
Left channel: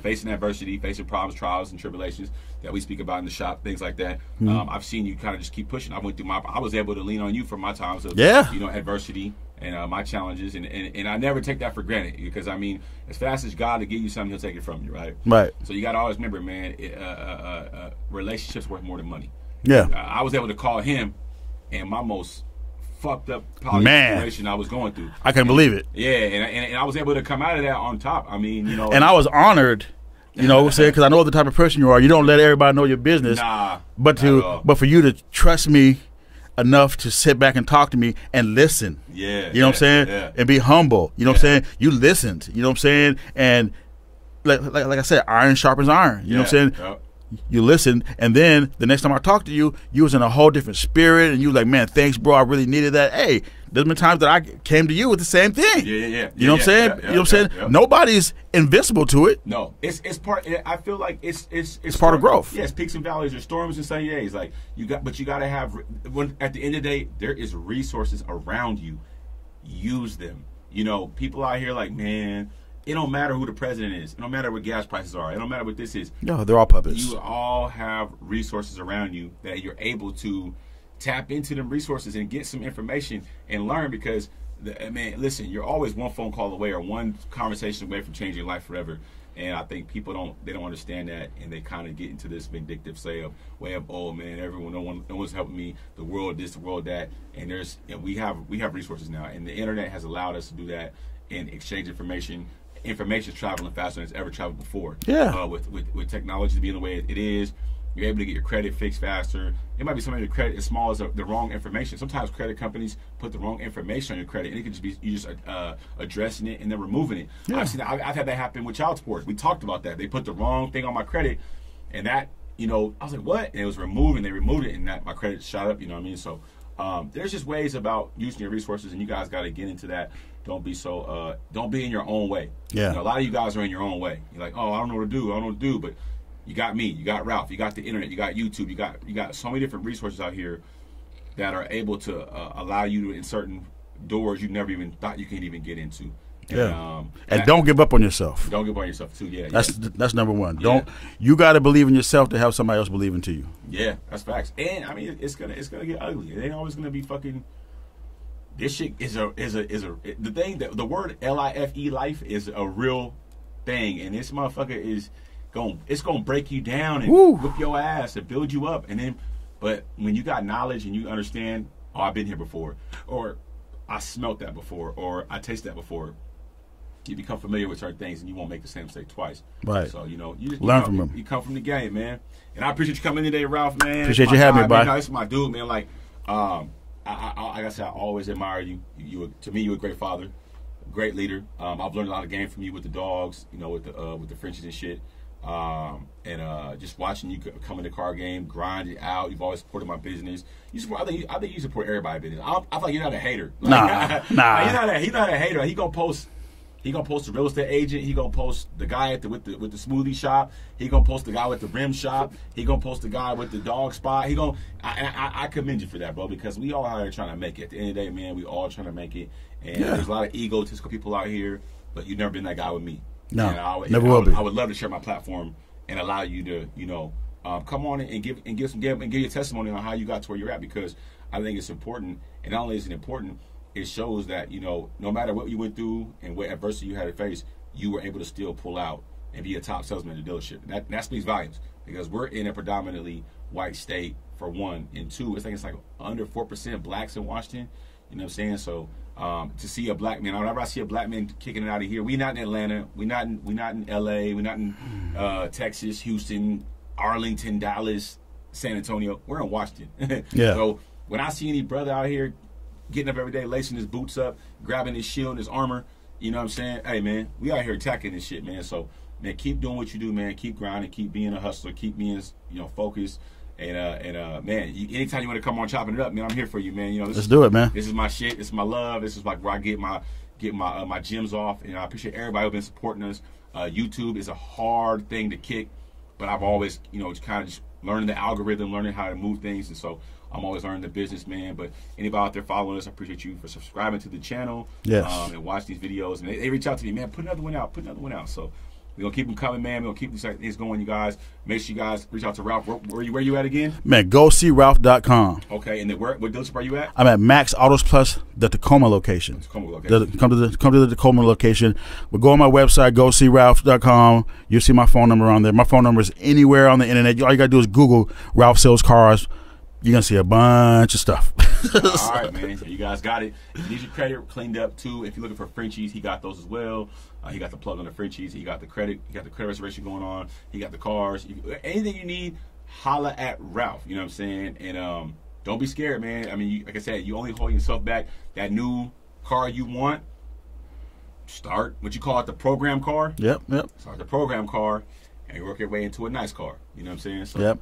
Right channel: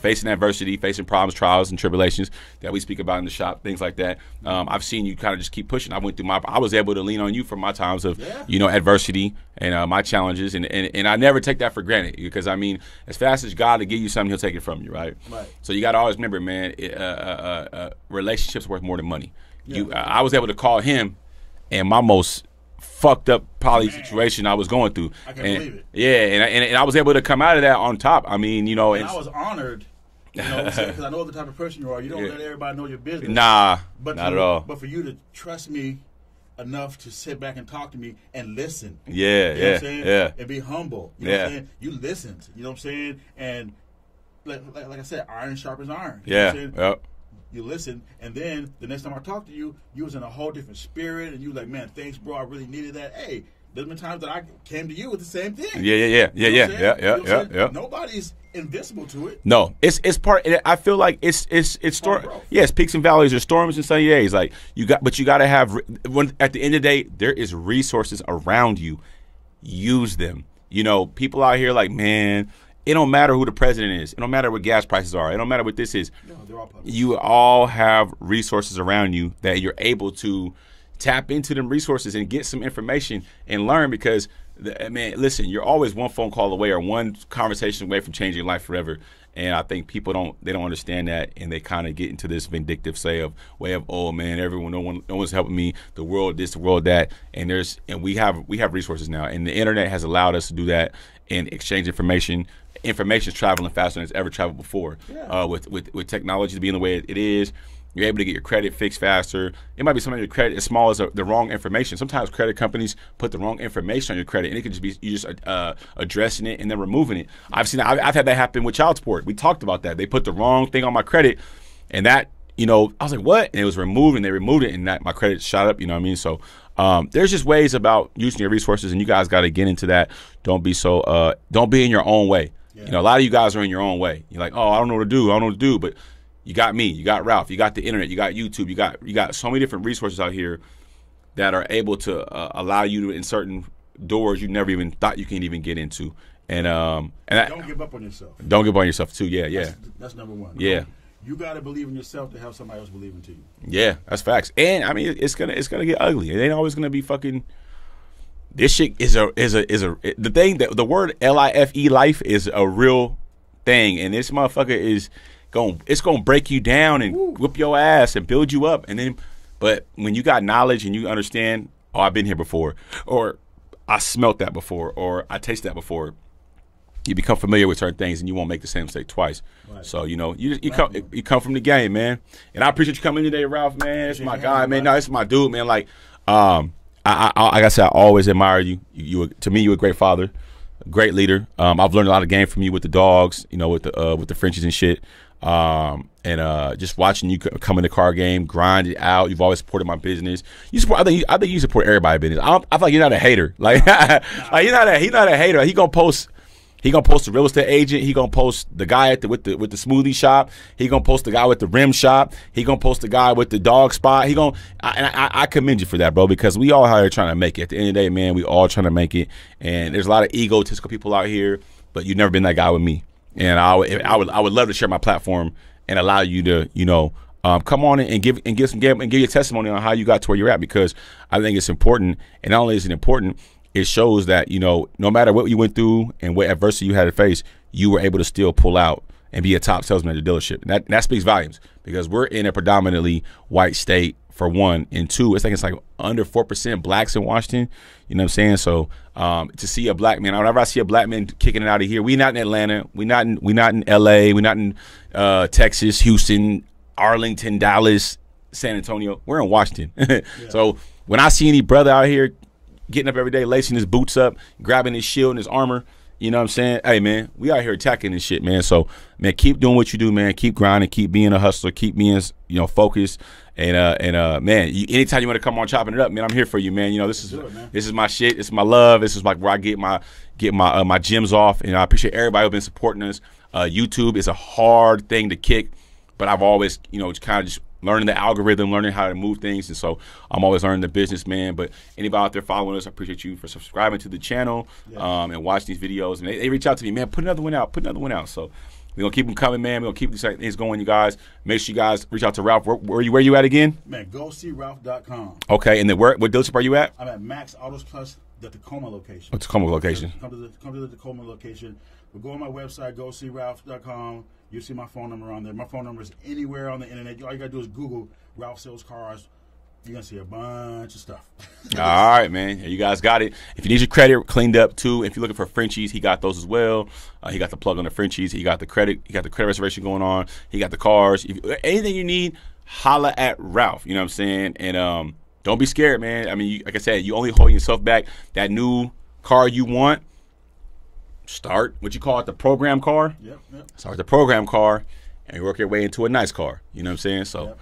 facing adversity, facing problems, trials, and tribulations that we speak about in the shop, things like that. I've seen you kind of just keep pushing. I was able to lean on you for my times of you know, adversity and my challenges, and I never take that for granted because I mean, as fast as God to give you something, He'll take it from you, right? Right. So you got to always remember, man, relationships worth more than money. Yeah. I was able to call him, and my most fucked up situation I was going through. I can't believe it. Yeah, and I was able to come out of that on top. I mean, you know, and I was honored. You know what I'm saying? Because I know the type of person you are. You don't let everybody know your business. Nah, but for you to trust me enough to sit back and talk to me and listen. Yeah. You know what I'm saying? Yeah. And be humble. You know what I'm saying? You listened. You know what I'm saying? And like I said, iron sharpens iron. You know what I'm saying? Yep. You listened, and then the next time I talked to you, you was in a whole different spirit, and you was like, man, thanks, bro. I really needed that. Hey, there's been times that I came to you with the same thing. Yeah. You know what I'm saying? You know what I'm saying? Yeah. Nobody's invincible to it. No, it's part. I feel like it's part of growth. Yes, peaks and valleys, there's storms and sunny days. Like you got to have. When at the end of the day, there is resources around you. Use them. You know, people out here like, man, it don't matter who the president is. It don't matter what gas prices are. It don't matter what this is. No, they're all puppets. You all have resources around you that you're able to tap into them resources and get some information and learn because Man, listen, you're always one phone call away or one conversation away from changing your life forever. And I think people don't understand that, and they kind of get into this vindictive way of oh man, no one's helping me, the world this, the world that, and we have resources now, and the internet has allowed us to do that and exchange information. Information is traveling faster than it's ever traveled before. Yeah. With technology being the way it is, you're able to get your credit fixed faster. It might be something your credit as small as the wrong information. Sometimes credit companies put the wrong information on your credit, and it could just be you just addressing it and then removing it. Yeah. I've had that happen with child support. We talked about that. They put the wrong thing on my credit, and that I was like, what? And it was removed, and they removed it, and my credit shot up. You know what I mean? So there's just ways about using your resources, and you guys got to get into that. Don't be in your own way. Yeah. A lot of you guys are in your own way. You're like, oh, I don't know what to do, but you got me, you got Ralph, you got the internet, you got YouTube, you got so many different resources out here that are able to allow you to in certain doors you never even thought you can even get into. And don't give up on yourself. Don't give up on yourself too. Yeah, that's number one. Yeah. You got to believe in yourself to have somebody else believe into you. Yeah, that's facts. And I mean, it's gonna get ugly. It ain't always gonna be fucking. This shit is the thing that the word life is a real thing, and this motherfucker is. It's gonna break you down and whip your ass and build you up, but when you got knowledge and you understand, oh, I've been here before, or I smelt that before, or I tasted that before, you become familiar with certain things and you won't make the same mistake twice. Right. So you come from the game, man. And I appreciate you coming in today, Ralph, man. Appreciate you having me, bro. This is my dude, man. Like like I said, I always admire you. To me, you're a great father, a great leader. I've learned a lot of game from you with the dogs, with the Frenchies and shit. Just watching you come in the car game, grind it out. You've always supported my business. I think you support everybody's business. I feel like you're not a hater. Like, nah. Like he's not a hater. He gonna post the real estate agent. He gonna post the guy with the smoothie shop. He gonna post the guy with the rim shop. He gonna post the guy with the dog spot. I commend you for that, bro, because we all out here trying to make it. At the end of the day, man, we all trying to make it. And there's a lot of egotistical people out here, but you've never been that guy with me. No, and I would love to share my platform and allow you to come on and give your testimony on how you got to where you're at, because I think it's important. And not only is it important, it shows that no matter what you went through and what adversity you had to face, you were able to still pull out and be a top salesman at the dealership. And that speaks volumes, because we're in a predominantly white state, for one, and two, it's like under 4% blacks in Washington. You know what I'm saying? So to see a black man, whenever I see a black man kicking it out of here, we not in Atlanta, we not in LA, we not in Texas, Houston, Arlington, Dallas, San Antonio. We're in Washington. Yeah. So when I see any brother out here getting up every day, lacing his boots up, grabbing his shield and his armor, you know what I'm saying? Hey man, we out here attacking this shit, man. So man, keep doing what you do, man. Keep grinding, keep being a hustler, keep being focused. And man, anytime you want to come on chopping it up, man, I'm here for you, man. Let's do it, man. This is my shit. This is my love. This is like where I get my gems off. And I appreciate everybody who's been supporting us. YouTube is a hard thing to kick, but I've always, kind of just learning the algorithm, learning how to move things, and so I'm always learning the business, man. But anybody out there following us, I appreciate you for subscribing to the channel, and watch these videos. And they reach out to me, man, put another one out. So we're going to keep them coming, man. We're going to keep these things going, you guys. Make sure you guys reach out to Ralph. Where you at again? Man, GoSeeRalph.com. Okay, and then what dealership are you at? I'm at Max Autos Plus, the Tacoma location. The Tacoma location. Come to the Tacoma location. But go on my website, GoSeeRalph.com. You'll see my phone number on there. My phone number is anywhere on the internet. All you got to do is Google Ralph Sells Cars. You're going to see a bunch of stuff. All right, man. Yeah, you guys got it. If you need your credit cleaned up, too, if you're looking for Frenchies, he got those as well. He got the plug on the Frenchies. He got the credit. He got the credit reservation going on. He got the cars. Anything you need, holla at Ralph. You know what I'm saying? And don't be scared, man. I mean, like I said, you only hold yourself back. That new car you want, start what you call it, the program car. Yep. Start with the program car and work your way into a nice car. You know what I'm saying? So. Yep.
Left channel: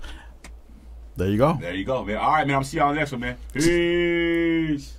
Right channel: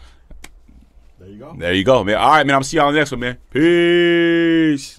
There you go. There you go, man. All right, man. I'm going to see y'all on the next one, man. Peace.